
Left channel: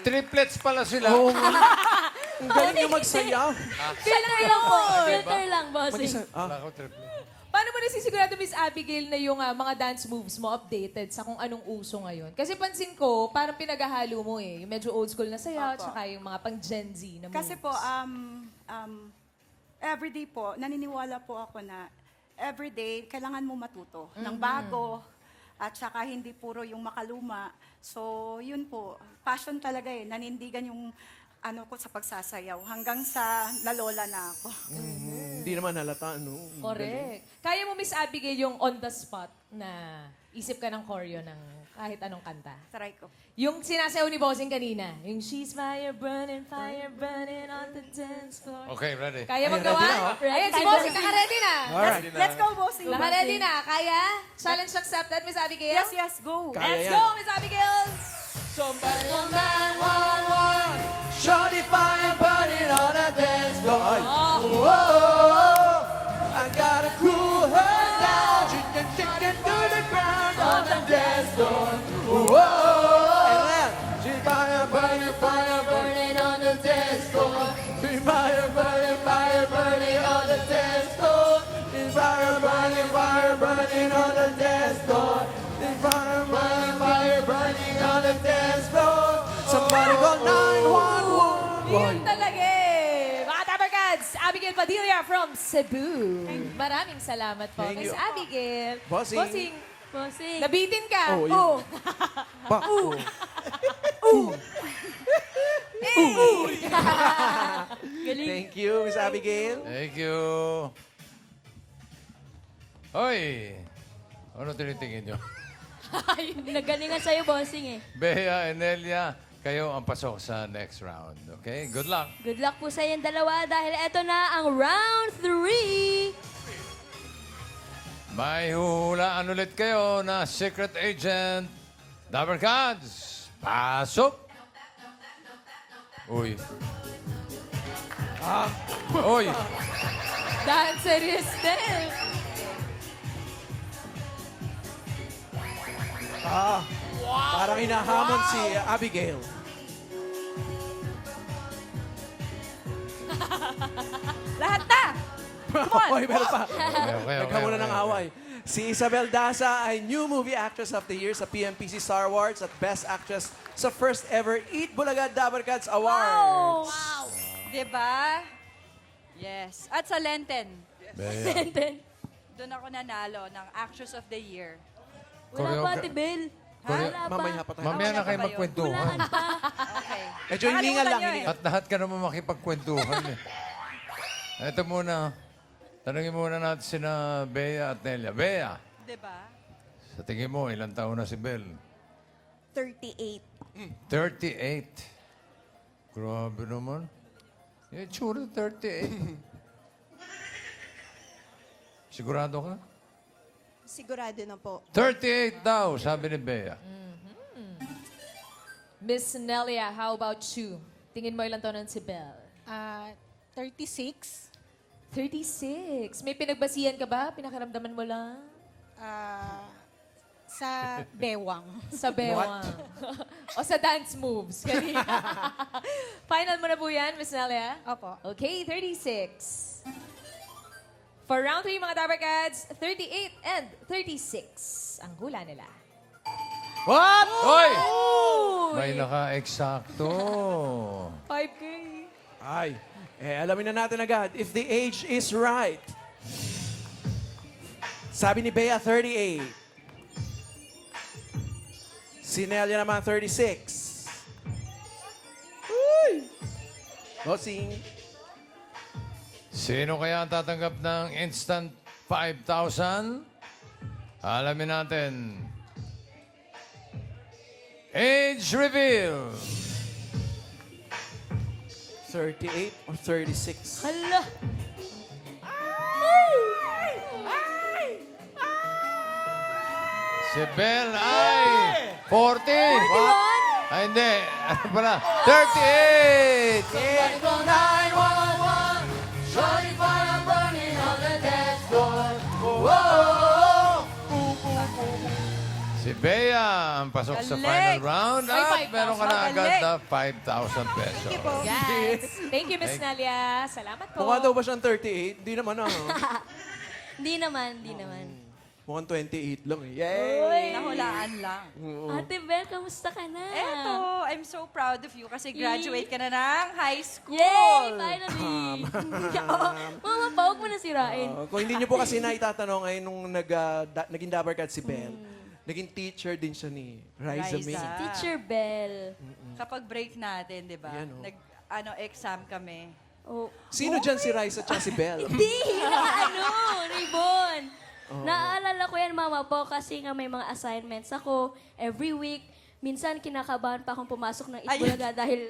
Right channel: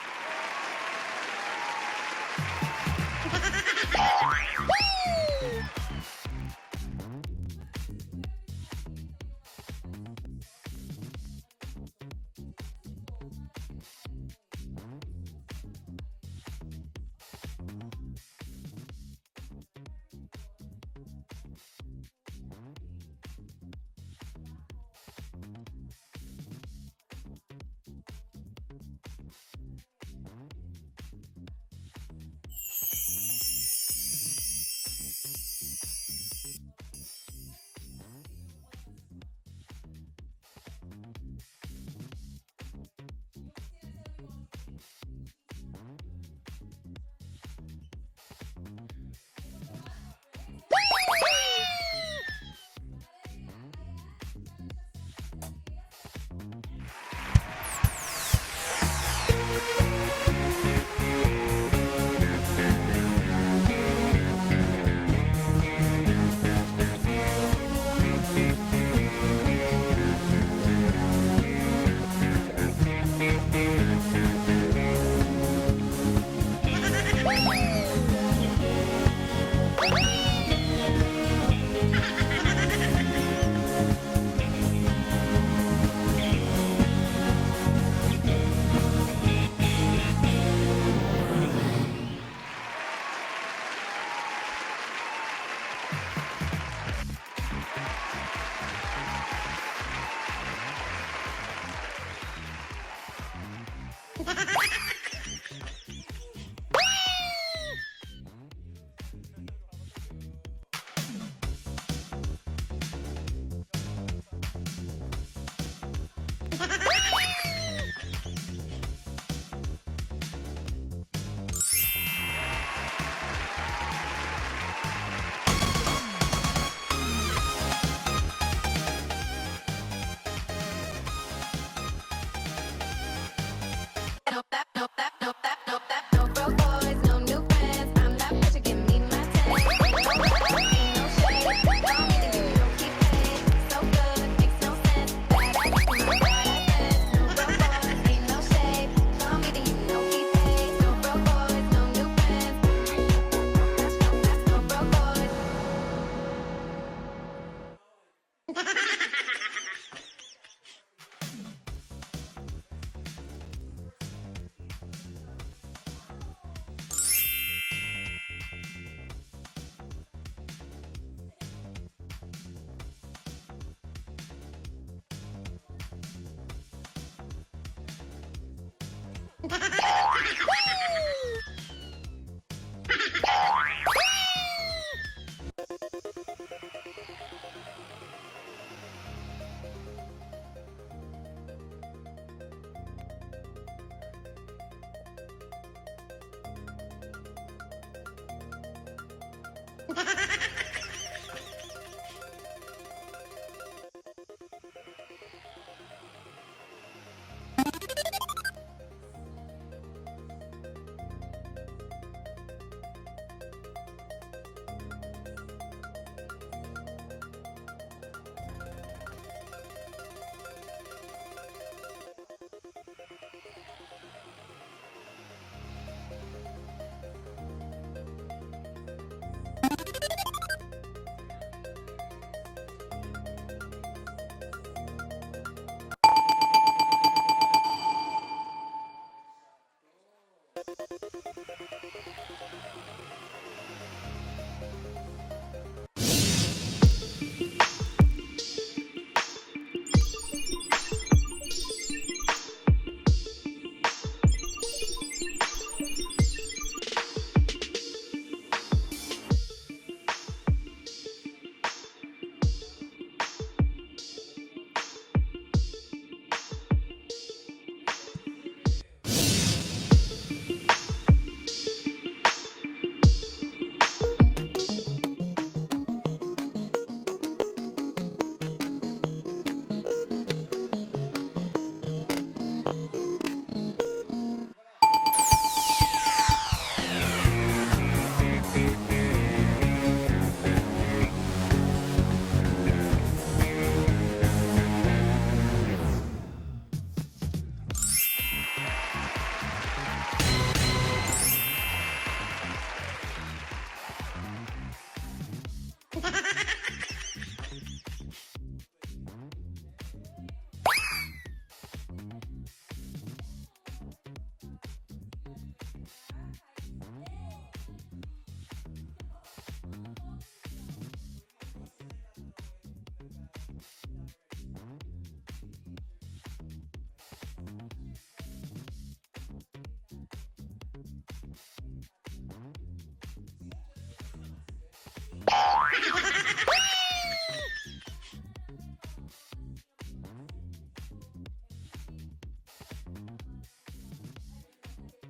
Triplets pala sila. Ang galing niyo magsaya. Filter lang po. Filter lang, bossing. Mag-isa. Wala ko triplets. Paano mo nasisigurado, Miss Abigail, na yung mga dance moves mo updated sa kung anong uso ngayon? Kasi pansin ko, parang pinaghahalo mo eh. Yung medyo old school na sayaw, Opo. tsaka yung mga pang Gen Z na Kasi po, moves. everyday po, naniniwala po ako na everyday, kailangan mo matuto ng bago at saka hindi puro yung makaluma. So, yun po. Passion talaga eh. Nanindigan yung ano ko sa pagsasayaw hanggang sa lalola na ako. Hindi naman halata, no? Correct. Kaya mo, Miss Abigail, yung on the spot na isip ka ng choreo ng kahit anong kanta. Try ko. Yung sinasayaw ni Bossing kanina, yung she's fire burning on the dance floor. Okay, ready. Kaya Ay, magawa? ready na, oh. Ayan, si Bossing, ready na. Alright. Let's go, bossing. Ready na. Kaya? Challenge accepted, Miss Abigail? Yes, yes, go. Kaya Let's yan. go, Miss Abigail! Shawty fire burning on a dance floor. I gotta cool her down. She can kick it to the ground on the dance floor. Fire burning, fire burning on the dance floor. Fire burning, fire burning on the dance floor. Fire burning, fire burning on the dance floor. Fire burning, fire burning on the dance floor. Somebody call 911. Yun talaga eh. Mga Dapper Cats, Abigail Padilla from Cebu. Maraming salamat po, Miss Abigail. Bossing. Bossing. Nabitin ka. Oh, Oh. Bako. Thank you, Miss Abigail. Thank you. Hoy! Ano tinitingin nyo? Nagano na sa'yo, bossing eh. Bea, Enelia, kayo ang pasok sa next round. Okay? Good luck. Good luck po sa inyong dalawa dahil eto na ang round 3. May huhulaan ulit kayo na secret agent. Dapper Cats, pasok! Uy! Dancerist din. Parang hinahamon si Abigail. Lahat na! Hoy, meron pa. Okay. Nagkamuna ng away. Si Isabel Daza ay New Movie Actress of the Year sa PMPC Star Awards at Best Actress sa first ever Eat Bulaga Dapper Cats Award. Wow! Diba? Yes. At sa Lenten, Bea. doon ako nanalo ng Actress of the Year. Wala pa, Ate Bel. Wala pa. Mamaya pa tayo. Mamaya na kayo magkwentuhan. Hulaan pa. Medyo hiningal lang eh. At lahat ka naman makipagkwentuhan eh. Ito muna. Tanungin muna natin sina Bea at Nelia. Bea, Diba? sa tingin mo, ilang taon na si Bel? 38. 38. Grabe naman. Eh, tsura 38. Sigurado ka? Sigurado na po. 38 daw, sabi ni Bea. Miss Nelia, how about you? Tingin mo ilang taon na si Belle? 36. 36. May pinagbasihan ka ba? Pinakaramdaman mo lang? Sa bewang. Sa bewang. O sa dance moves. Kanina. Final mo na po yan, Miss Nelia? Opo. Okay, 36. For round 3, mga Tabarkads, 38 and 36 ang hula nila. What? Hoy! May naka-eksakto. 5K. Ay, alamin na natin agad if the age is right. Sabi ni Bea, 38. Si Nelia naman, 36. Uy! Bossing. Sino kaya ang tatanggap ng instant 5,000? Alamin natin. Age reveal. 38 or 36? Hala. Si Bel ay 40. Ay, hindi. Ano pala? 38! Si Bea ang pasok sa final round at meron ka na agad na 5,000 pesos. Yes. Thank you, Miss Nelia. Salamat po. Mukha daw ba siyang 38? Di naman ah. Hindi naman, hindi naman. Mukhang 28 lang eh. Yay! Uy. Nahulaan lang. Ate Bel, kamusta ka na? Eto, I'm so proud of you kasi graduate ka na ng high school. Yay! Finally! Mama, pa, huwag mo na sirain. Kung hindi niyo po kasi naitatanong ay nung naging Dabarkad si Ben, naging teacher din siya ni Riza May. Riza. Teacher Bell. Kapag break natin, di ba? Yan, oh. Exam kami. Oh. Sino dyan si Riza at si Belle? Hindi! Ibon! Naaalala ko yan, Mama po, kasi nga may mga assignments ako every week. Minsan, kinakabahan pa akong pumasok ng Itbulaga dahil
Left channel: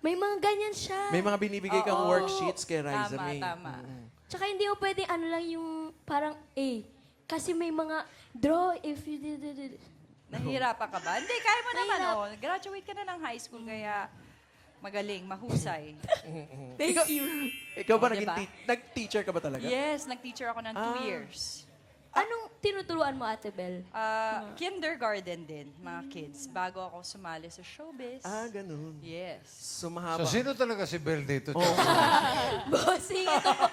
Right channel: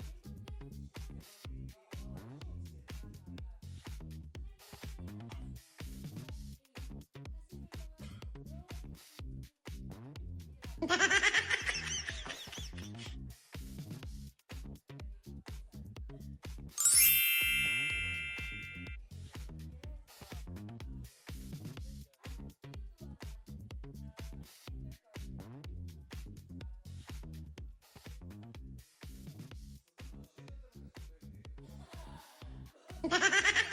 may mga ganyan siya. May mga binibigay kang Oo. worksheets kay Riza Tama, May. tama. Tsaka hindi mo pwedeng ano lang yung parang A. Kasi may mga draw if you did it. Nahihirapan ka ba? Hindi, kaya mo naman. Oh. Graduate ka na ng high school, kaya magaling, mahusay. Thank you. Ikaw ba Diba? nag-teacher ka ba talaga? Yes, nag-teacher ako ng 2 years. Anong tinuturuan mo, Ate Bel? Kindergarten din, mga kids, bago ako sumali sa showbiz. Ganun. Yes. So mahaba. So, sino talaga si Bel dito? Bossing, ano po?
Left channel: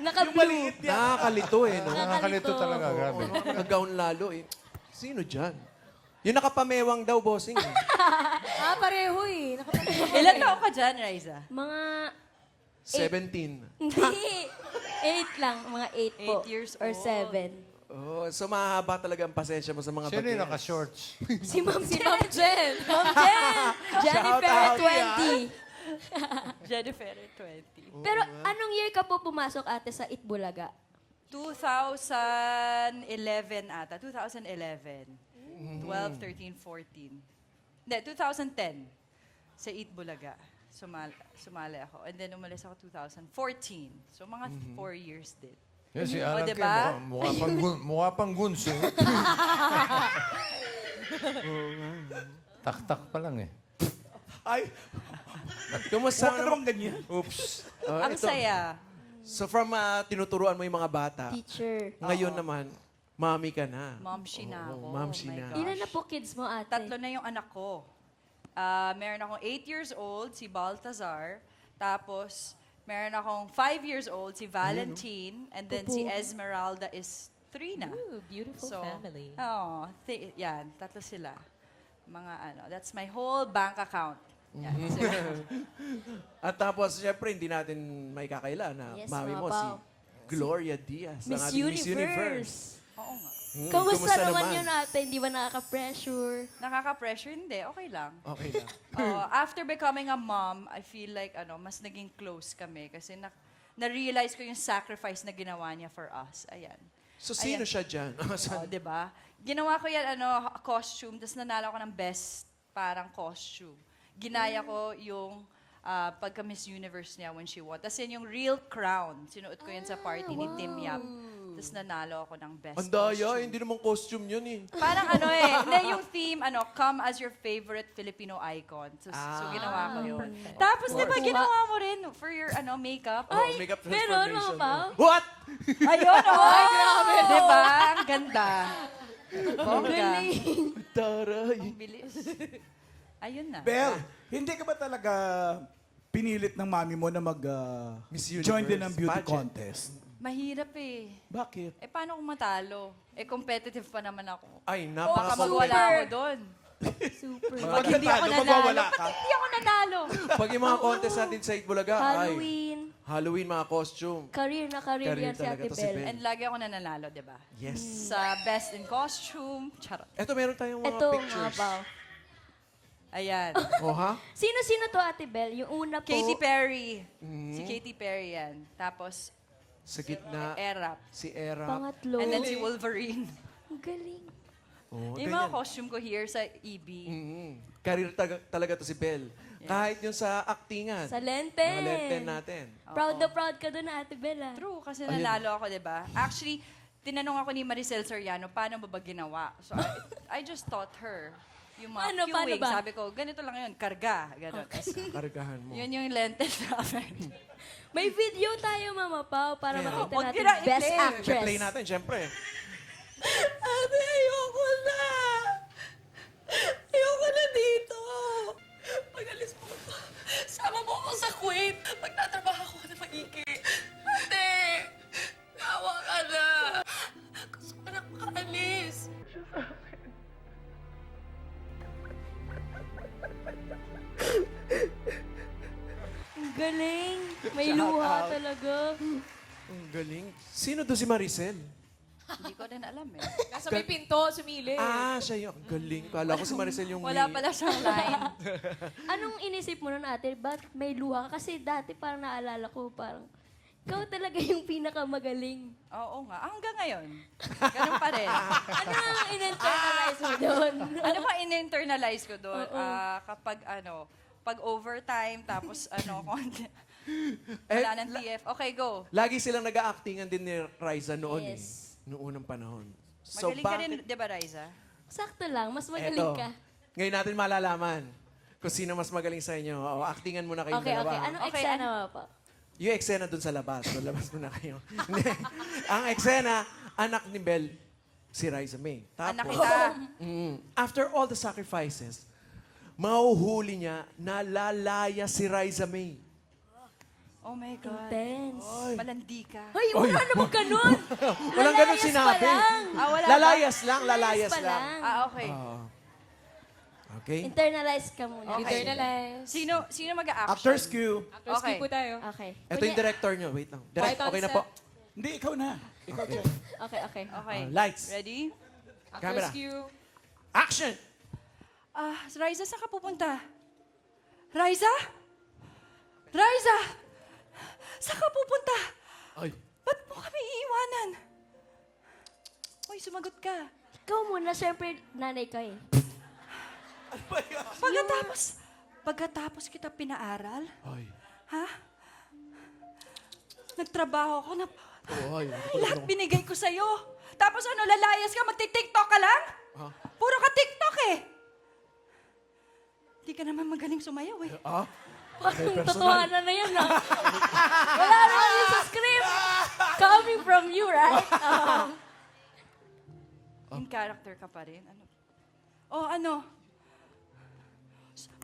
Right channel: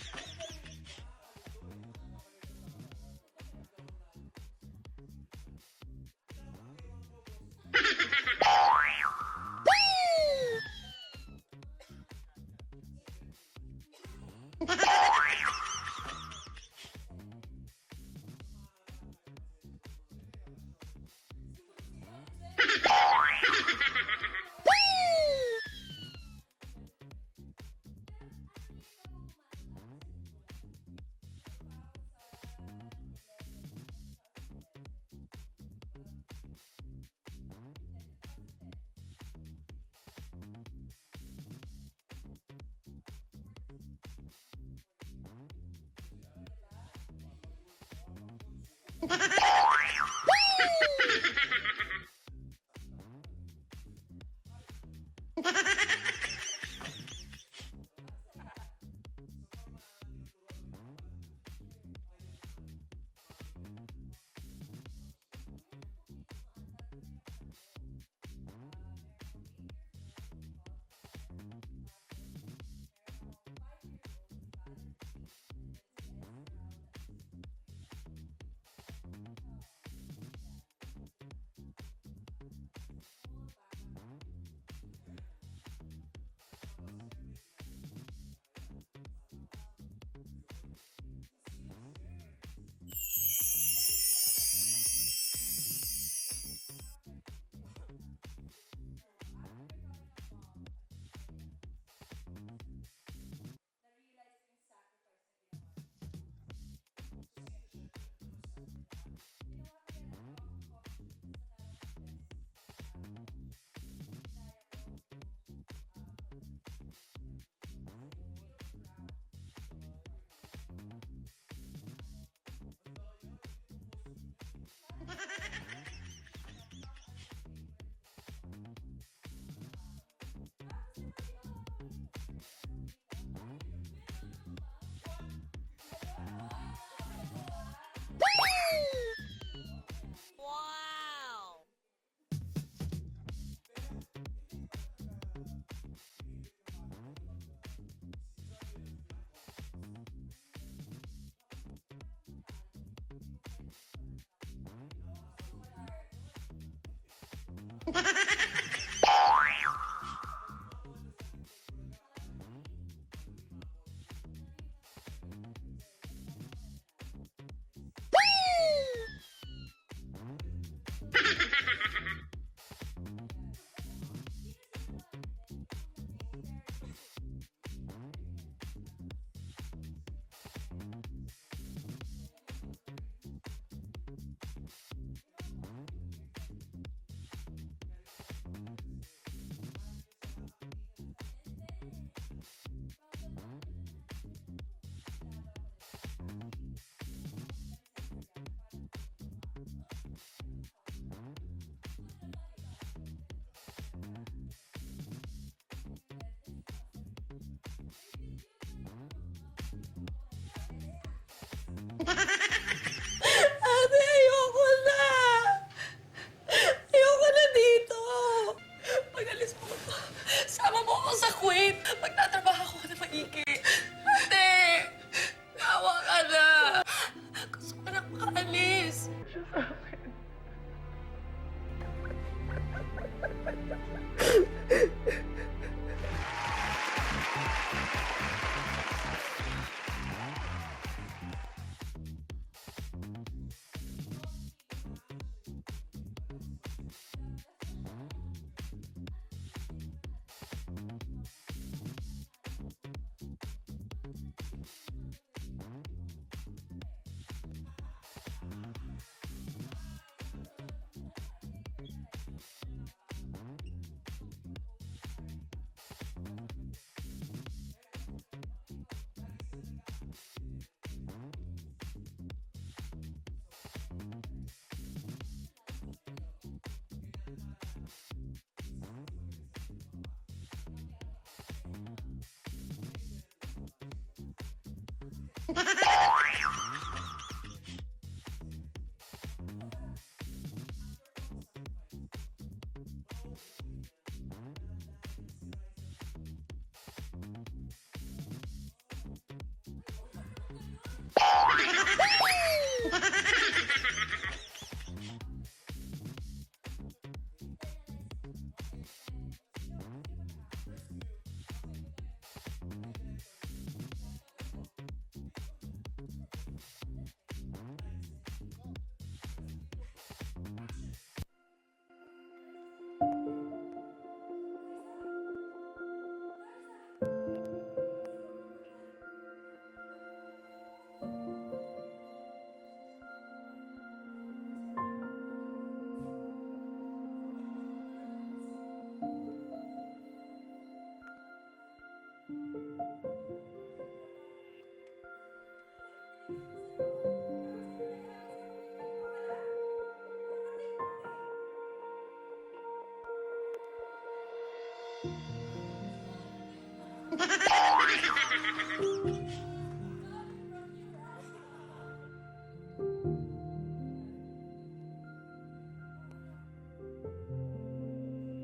Naka-blue. Nakakalito eh, no? Nakakalito talaga, grabe. Nag-gown lalo eh. Sino dyan? Yung nakapamewang daw, bossing. eh. Pareho eh. Ilan taon ka dyan, Riza? Mga 17. Hindi. 8 lang. Mga 8 po. 8 years Or old. 7. Oh, so mahaba talaga ang pasensya mo sa mga Sino yung bagay. naka-shorts? Si Ma'am Si Ma'am Jen. Jennifer out 20. Jennifer, 20. Pero anong year ka po pumasok, ate, sa Itbulaga? 2011 ata. 2011. 12, 13, 14. Hindi, 2010. Sa Eat Bulaga. Sumali ako. And then umalis ako 2014. So mga 4 years din. Yan si Alan diba? Kim. Mukha pang gunso. Tak-tak pa lang eh. Ay, Kumusta huwag ka naman ganyan. Oops. Ang ito. saya. So from tinuturuan mo yung mga bata, Teacher. ngayon naman, mami ka na. Momshi na ako. momshi Oh my na. gosh. Ilan na po kids mo, ate? 3 na yung anak ko. Meron akong 8 years old, si Baltazar. Tapos, meron akong 5 years old, si Valentine. And then si Esmeralda is 3 na. Ooh, beautiful family. Oh, yan, 3 sila. Mga that's my whole bank account. Yan, sila. At tapos, syempre, hindi natin may kakaila na Yes, mami mga mo pao. si Gloria Diaz. ang Miss ating Universe. Oo nga. Kamusta naman yun ate? Hindi ba nakaka-pressure? Nakaka-pressure? Hindi, okay lang. Okay lang. After becoming a mom, I feel like mas naging close kami kasi na-realize ko yung sacrifice na ginawa niya for us. Ayan. So, sino Ayan. siya dyan? Oh, 'di ba? Ginawa ko yan costume, tapos nanalo ko ng best parang costume. Ginaya ko yung pagka Miss Universe niya when she won. Tapos yan yung real crown. Sinuot ko yan sa party ni Tim Yap. Tapos nanalo ako ng best Ang daya, costume. hindi naman costume yun eh. Parang hindi, yung theme, come as your favorite Filipino icon. So ginawa ko yun. Tapos, di ba, ginawa mo rin for your, makeup? Ay, makeup Meron, mga transformation. pao? What? Ayun, Ay, grabe. Di ba? Ang ganda. Bongga. Taray. Ang bilis. Ayun na. Bel, hindi ka ba talaga pinilit ng mami mo na Miss join din ng Universe beauty pageant. contest? Mahirap eh. Bakit? Paano kung matalo? Competitive pa naman ako. Ay, Baka napaka magwala ako doon. Super. Pag hindi ako nanalo. magwawala ka. Hindi ako nanalo. Pag yung mga contest natin sa Itbulaga, Halloween. Halloween, mga costume. Career na career, Career yan si talaga Ate to si Bel. Bel. And lagi ako nananalo, di ba? Yes. Sa best in costume. Charot. Eto, meron tayong mga Ito, pictures. mga pao. Ayan. Oh, ha? Sino-sino to, Ate Bel? Yung una po. Katy Perry. Mhm. Si Katy Perry yan. Tapos, Sa gitna, Erap. si Era. Pangatlo. And then si Wolverine. Ang galing. Oh, Yung mga costume ko here sa EB. Career talaga to si Bel. Kahit yung sa actingan. Sa Lenten. Mga lenten natin. Proud na proud ka doon, Ate Bel, ah. True, kasi nanalo ako, di ba? Actually, tinanong ako ni Maricel Soriano, paano mo ba ginawa? So, I just taught her yung mga Paano cueing. ba? Sabi ko, ganito lang yun, karga. Ganon. Kargahan mo. Yun yung lenten namin. May video tayo, Mama Pao, para makita Huwag natin nila Best i-play. Actress. I-play natin, syempre. Ate, ayoko na! Ayoko na dito! Pag alis mo ko, sama mo ako sa Kuwait. Magtatrabaho ako na maigi. Ate! Nawa ka na! Gusto ko na makaalis. Ang galing. May luha talaga. Sino to si Maricel? Hindi ko rin alam. Nasa may pinto, sumili. Ah, siya yung galing. Kala ko si Maricel yung Wala may- pala siyang line. Anong inisip mo nun, Ate? Ba't may luha ka? Kasi dati parang naalala ko, parang ikaw talaga yung pinakamagaling. Oo nga. Hanggang ngayon. Ganun pa rin. Ano ang in-internalize mo doon? Ano ba in-internalize ko doon? Oo. Kapag pag overtime, tapos konti. Eh, Wala ng TF. Okay, go. Lagi silang nag-actingan din ni Riza noon. Yes. Noong unang panahon. So, Magaling ka rin, di ba, Riza? Sakto lang, mas magaling Eto, ka. ngayon natin malalaman kung sino mas magaling sa inyo. O, actingan muna kayong Okay, dalawa. okay. Anong Okay, eksena mo pa? Yung eksena dun sa labas. So, labas muna kayo. Hindi. Ang eksena, anak ni Bel, si Riza May. Anak Tapos, kita. after all the sacrifices, mahuhuli niya na lalaya si Riza May. Oh my God. Intense. Malandi ka. Ay, wala naman ganun! Walang ganun sinabi. wala. Lalayas lang, lalayas pa lang. lang. Okay. Okay? Internalize ka muna. Okay. Internalize. Sino mag-a-action? Actors cue. Okay. po tayo. Okay. Ito yung director nyo. Wait lang. Direct, White on okay na set. po. Hindi, ikaw na. Ikaw, Chen. Okay, okay. Okay. Lights. Ready? Camera. Rescue. Action! Riza, saan ka pupunta? Riza? Riza! Saan ka pupunta? Ay. Ba't mo kami iiwanan? Uy, sumagot ka. Ikaw muna, syempre, nanay ka eh. Pagkatapos kita pinaaral, Ay. ha? Nagtrabaho ako na Ay. lahat binigay ko sa'yo. Tapos lalayas ka, magti-tiktok ka lang? Puro ka tiktok eh. Di ka naman magaling sumayaw eh. Ah? Parang totohanan na yan, ah. Wala naman yun sa script. Coming from you, right? In character ka pa rin.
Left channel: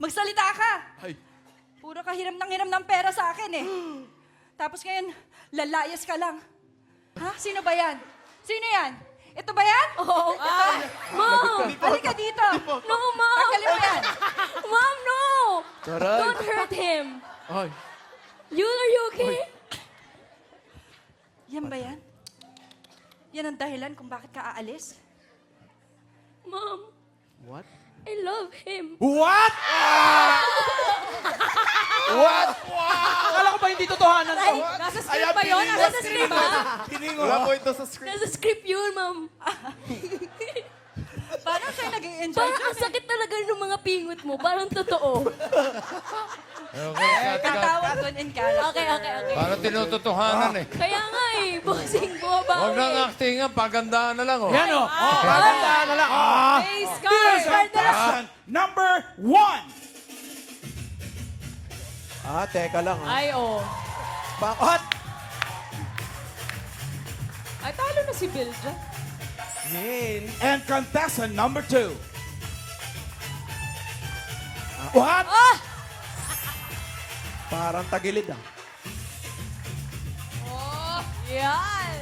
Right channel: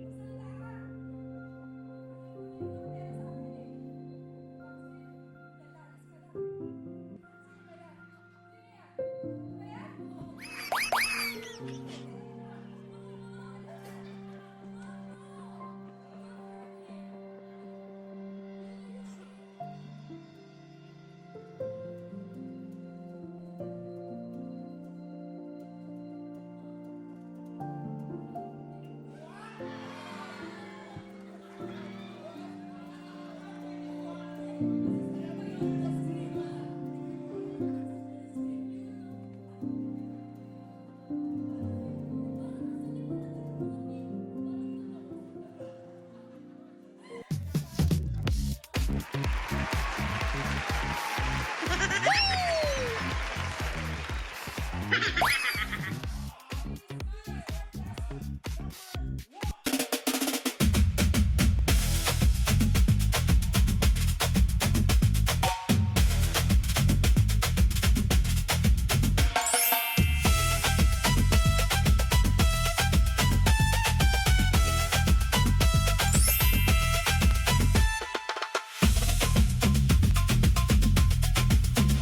Magsalita ka! Ay. Puro ka hiram ng pera sa akin eh. Tapos ngayon, lalayas ka lang. Ha? Sino ba yan? Sino yan? Ito ba yan? Oo. Mom! Halika dito! No, Mom! Tanggalin mo yan! Mom, no! Taray. Don't hurt him. Ay. Are you okay? Yan ba yan? Yan ang dahilan kung bakit ka aalis. Mom, What? I love him. What? What? Akala ko ba hindi totohanan to? Nasa script ba yun? Nasa script ba? Wala po ito sa script. Nasa script yun, Ma'am. Parang kayo nag-enjoy Parang ang sakit talaga ng mga pingot mo. Parang totoo. Okay, cut, cut. Tatawag doon in character. Okay. Parang tinutotohanan eh. Kaya nga eh. Busin mo ba? Huwag nang acting nga, pagandaan na lang oh. Yan o. Magandaan na lang. Face card! Contestant number 1. Teka lang. Ay, oh. Bakit? Ay, talo na si Bill dyan. And contestant number 2. What? Parang tagilid na. Yan!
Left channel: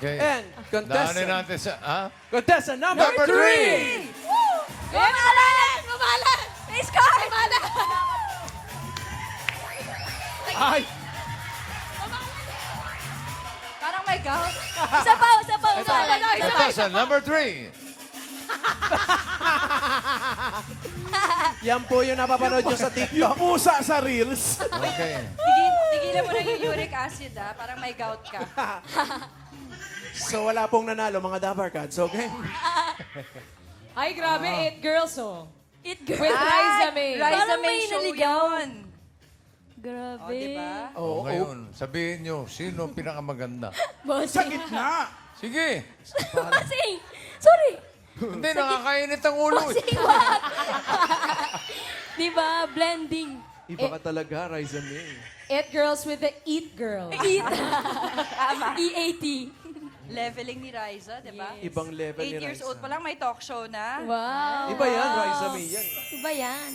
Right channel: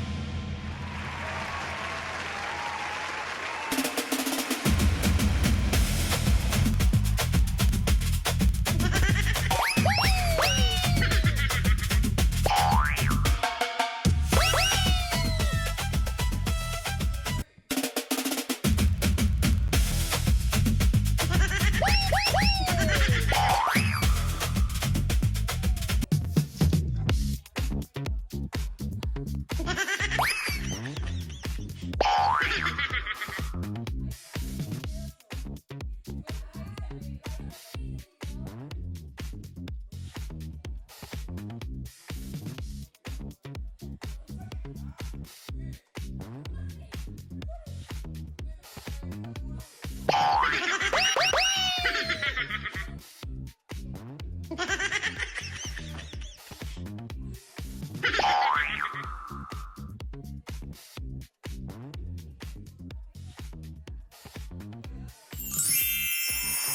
Okay. And Daanin contestant. natin sa... Ha? Contestant number 3. Kumalan! Kumalan! Face card! Kumalan! Ay! Parang may gout. Isa pa. Contestant number 3. Yan po yung napapanood nyo sa TikTok. Pusa sa reels. Okay. Tigilan mo na yung uric acid, ah. Parang may gout ka. So wala pong nanalo mga Dabar Cats, okay? Ay, grabe. It girls, oh. It girl. With Riza May. Riza Parang May may show naligaw. yun. Grabe. O, diba? Oo. O ngayon, sabihin nyo, sino ang pinakamaganda? Sa gitna. Sige. Bossing! Sorry! Hindi, nakakainit ang ulo eh. Bossing ba? Diba? Blending. Iba ka talaga, Ryzen May. It girls with the eat girl. Eat. EAT. Leveling ni Riza, diba? Ibang level ni 8 years Ryza. old pa lang, may talk show na. Wow. Iba yan, Ryza May yan. Iba yan.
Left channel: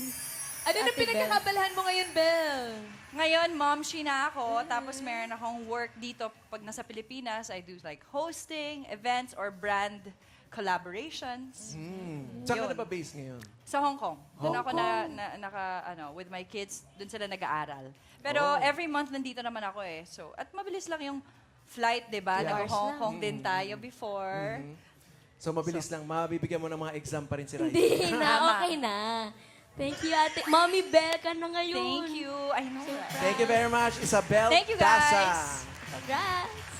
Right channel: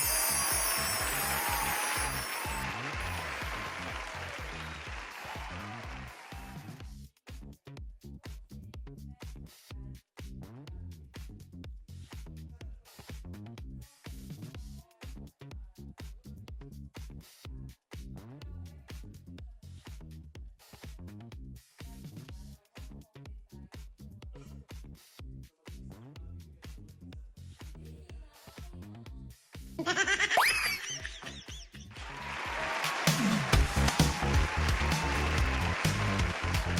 Ano na pinagkakabalahan mo ngayon, Belle? Ngayon, momshi na ako. Tapos meron akong work dito. Pag nasa Pilipinas, I do like hosting, events, or brand collaborations. Saan ka Yun. na ba base ngayon? Sa Hong Kong. Doon ako with my kids, doon sila nag-aaral. Pero every month nandito naman ako eh. So, at mabilis lang yung flight, di ba? Yeah. Nag-Hong Kong din tayo before. So mabilis lang, mabibigyan mo ng mga exam pa rin si Ryza. Hindi na. Tama. Okay na. Thank you, ate. Mommy Bell ka na ngayon. Thank you. Thank you very much, Isabel Thank you, Casa. guys. Congrats.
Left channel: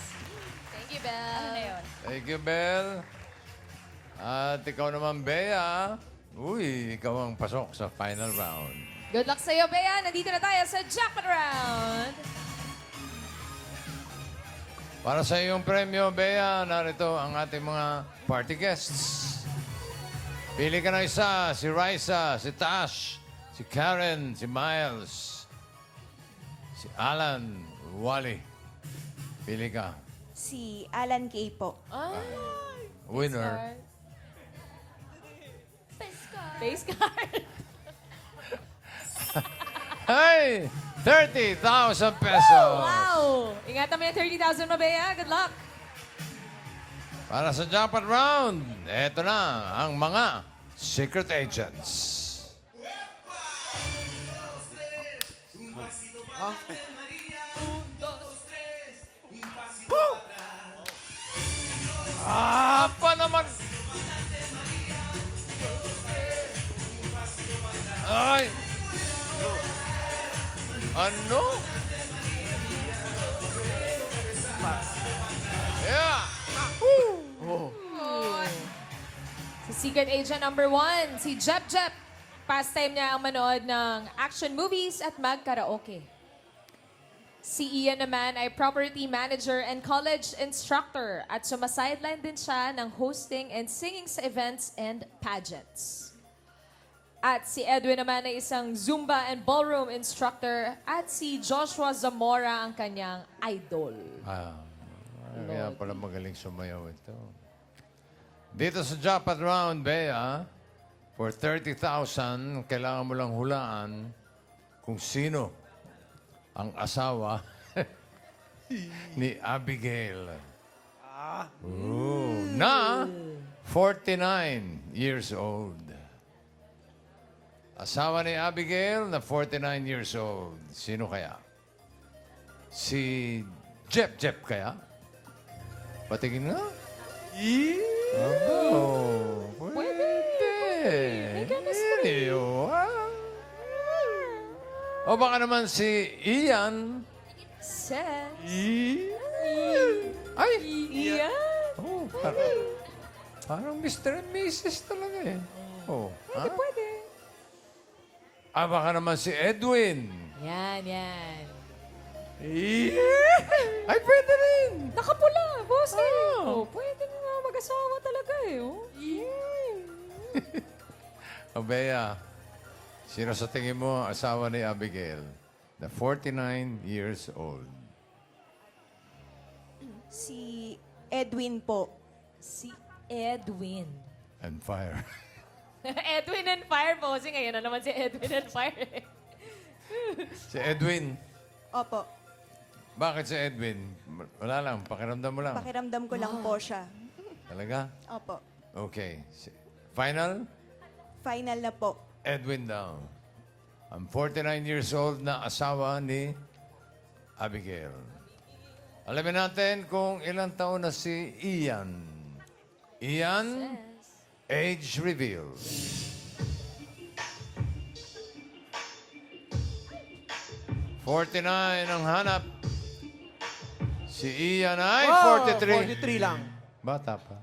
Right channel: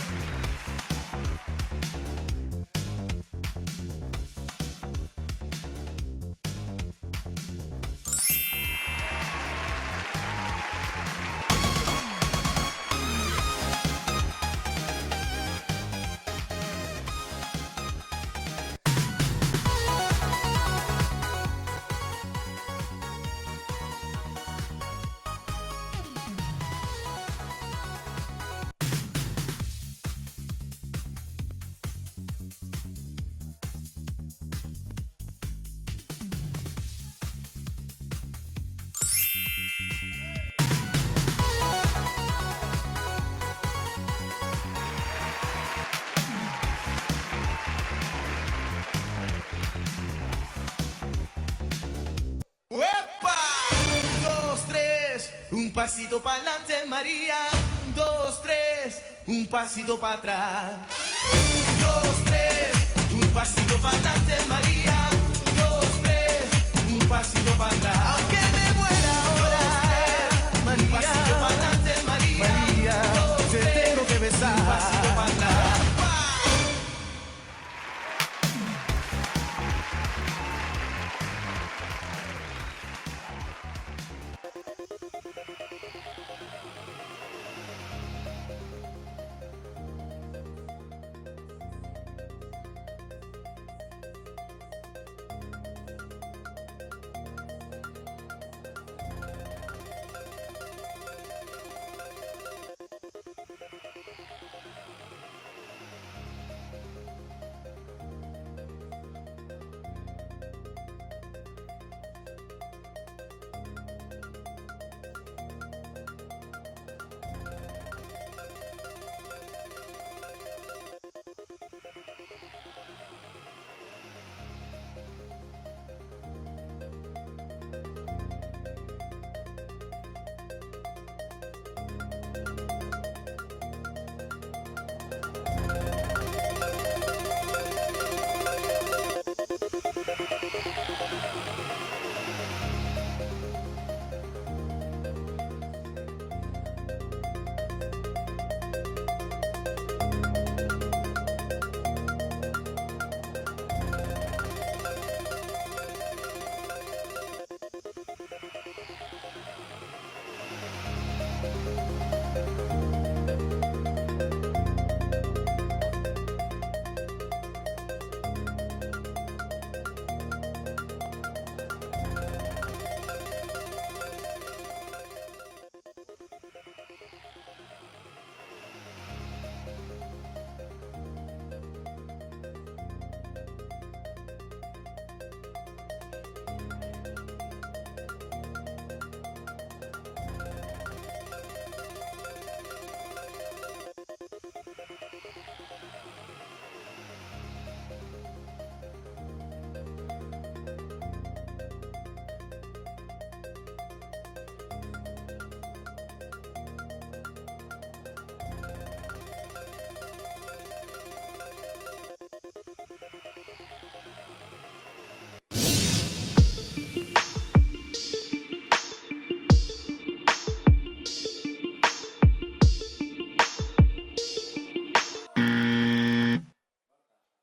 Thank you, Belle. Thank you, Bel. At ikaw naman, Bea. Uy, ikaw ang pasok sa final round. Good luck sa'yo, Bea. Nandito na tayo sa jacket round. Para sa iyong premyo, Bea, narito ang ating mga party guests. Pili ka ng isa, si Raisa, si Tash, si Karen, si Miles, si Alan, Wally. Pili ka. Si Alan Kay po. Winner. Face card. Hey! 30,000 pesos! Wow! Ingatan mo yung 30,000 mo, Bea. Good luck. Para sa jackpot round, eto na ang mga secret agents. ¡Uepa! 1, 2, 3, un pasito para adelante, María. 1, 2, 3, un pasito para atrás. 1, 2, 3, un pasito para adelante, María. 1, 2, 3, un pasito para atrás. Que me muera ahora. María, pasito para adelante, María. Te tengo que besar. Un pasito para atrás. Secret agent number 1, si Jep Jep. Pastime niya ang manood ng action movies at mag-karaoke. Si Ian naman ay property manager and college instructor at sumasideline din siya ng hosting and singing sa events and pageants. At si Edwin naman ay isang Zumba and ballroom instructor at si Joshua Zamora ang kanyang idol. Kaya pala magaling sumayaw ito. Dito sa jackpot round, Bea, for 30,000, kailangan mo lang hulaan kung sino ang asawa ni Abigail. Na 49 years old. Asawa ni Abigail na 49 years old. Sino kaya? Si Jep Jep kaya? Patingin nga. O baka naman si Ian. Set. Ay! Ian. Oh, parang Mr. and Mrs. talaga eh. Oh, ha? Ah, baka naman si Edwin. Yan, yan. Ay, pwede rin. Nakapula, boss eh. Oh, pwede nga mag-asawa talaga eh. Oh. O Bea, sino sa tingin mo ang asawa ni Abigail? The 49 years old. Si Edwin po. Si Edwin. And fire. Edwin and Fire po. Kasi ngayon na naman si Edwin and Fire. Si Edwin. Opo. Bakit si Edwin? Wala lang, pakiramdam mo lang. Pakiramdam ko lang po siya. Talaga? Opo. Okay. Final? Final na po. Edwin daw. Ang 49 years old na asawa ni Abigail. Alamin natin kung ilang taon na si Ian. Ian, age reveal. "49 ang hanap. Si Ian ay 43. 43 lang. Bata pa.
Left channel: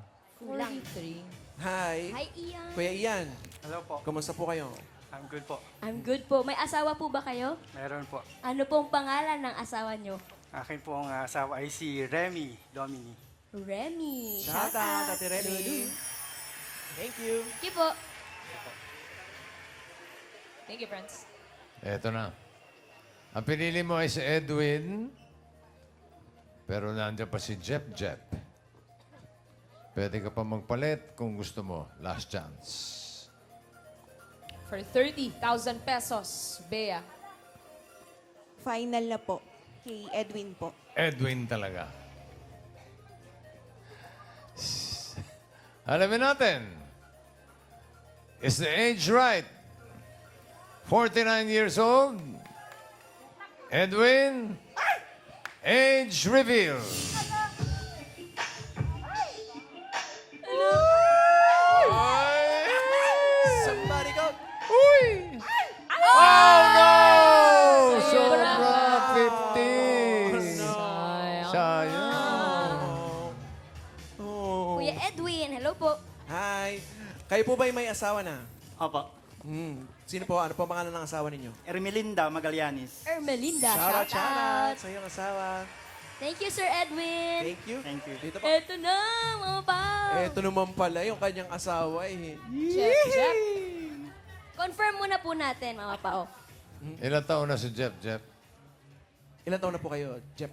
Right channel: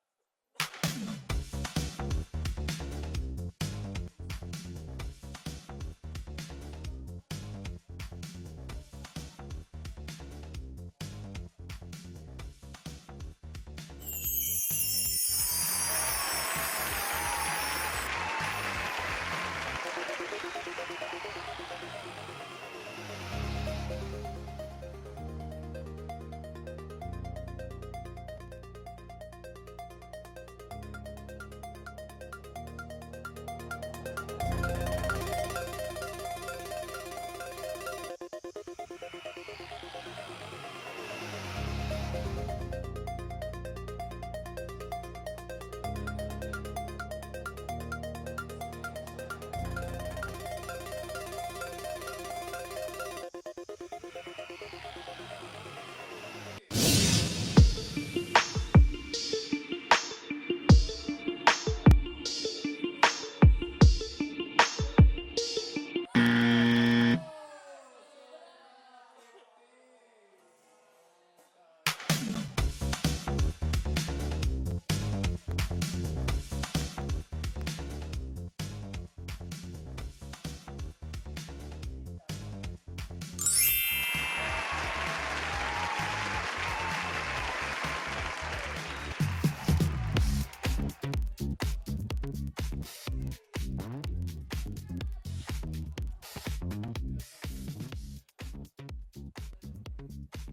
Hi. Hi, Ian. Kuya Ian. Hello po. Kumusta po kayo? I'm good po. I'm good po. May asawa po ba kayo? Meron po. Ano pong pangalan ng asawa nyo? Akin po ang asawa ay si Remy Domini. Remy. Shout out, Ate Remy. Thank you po. Thank you, friends. Eto na. Ang pinili mo ay si Edwin. Pero nandiyan pa si Jep. Pwede ka pa magpalit kung gusto mo. Last chance. For 30,000 pesos, Bea. Final na po. Kay Edwin po. Edwin talaga. Alamin natin. Is the age right? 49 years old. Edwin. Age reveal. Somebody go. Oh no! Sobra. Sobra 50. Sayang. Kuya Edwin, hello po. Hi. Kayo po ba'y may asawa na? Opo. Sino po? Ano po ang pangalan ng asawa ninyo? Ermelinda Magallanes. Ermelinda. Shout out. Sa inyong asawa. Thank you, Sir Edwin. Thank you. Eto na, mga pao. Ito naman pala yung kanyang asawa eh. Jep. Confirm muna po natin, mga pao. Ilang taon na si Jep? Ilan taon na po kayo, Jep?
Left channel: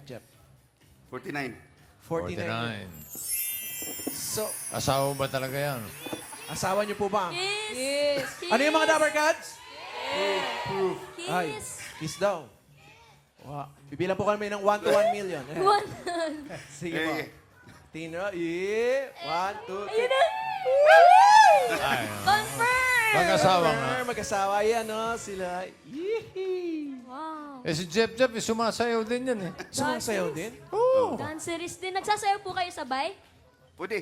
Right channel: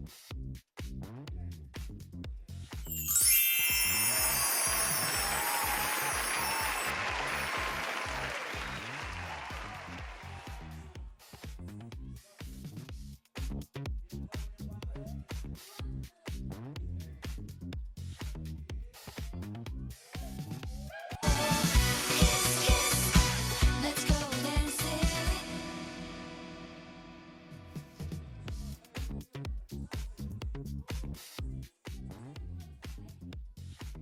49. 49. 49. So, Asawa ba talaga yan? asawa niyo po ba? Yes. Ano yung mga Dabber Cats? Ay, Kiss. kiss daw. Wow. Bibilang po kami ng 1 to 1 million. Eh. One. Sige po. Tingnan. Yeah. 1, 2, 3. Ayun na. Confirm. Mag-asawa nga. Mag-asawa yan, no? Sila. Wow. Eh si Jep, sumasayaw din yan eh. Sumasayaw din? Oo. Dancerist din. Nagsasayaw po kayo sabay? Puti.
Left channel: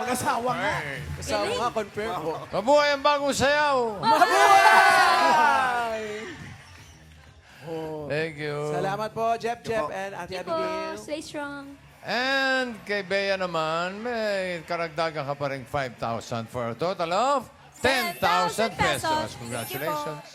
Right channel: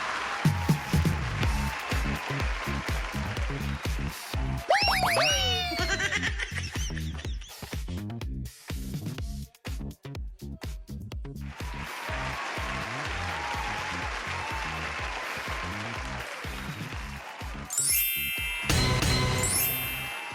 Mag-asawa nga. Asawa nga, confirm po. Mabuhay ang bagong sayaw. Thank you. Salamat po, Jep, and Ate Thank you po. Abigail. Stay strong. And kay Bea naman, may karagdagan ka pa rin 5,000 for a total of 10,000 pesos. Congratulations.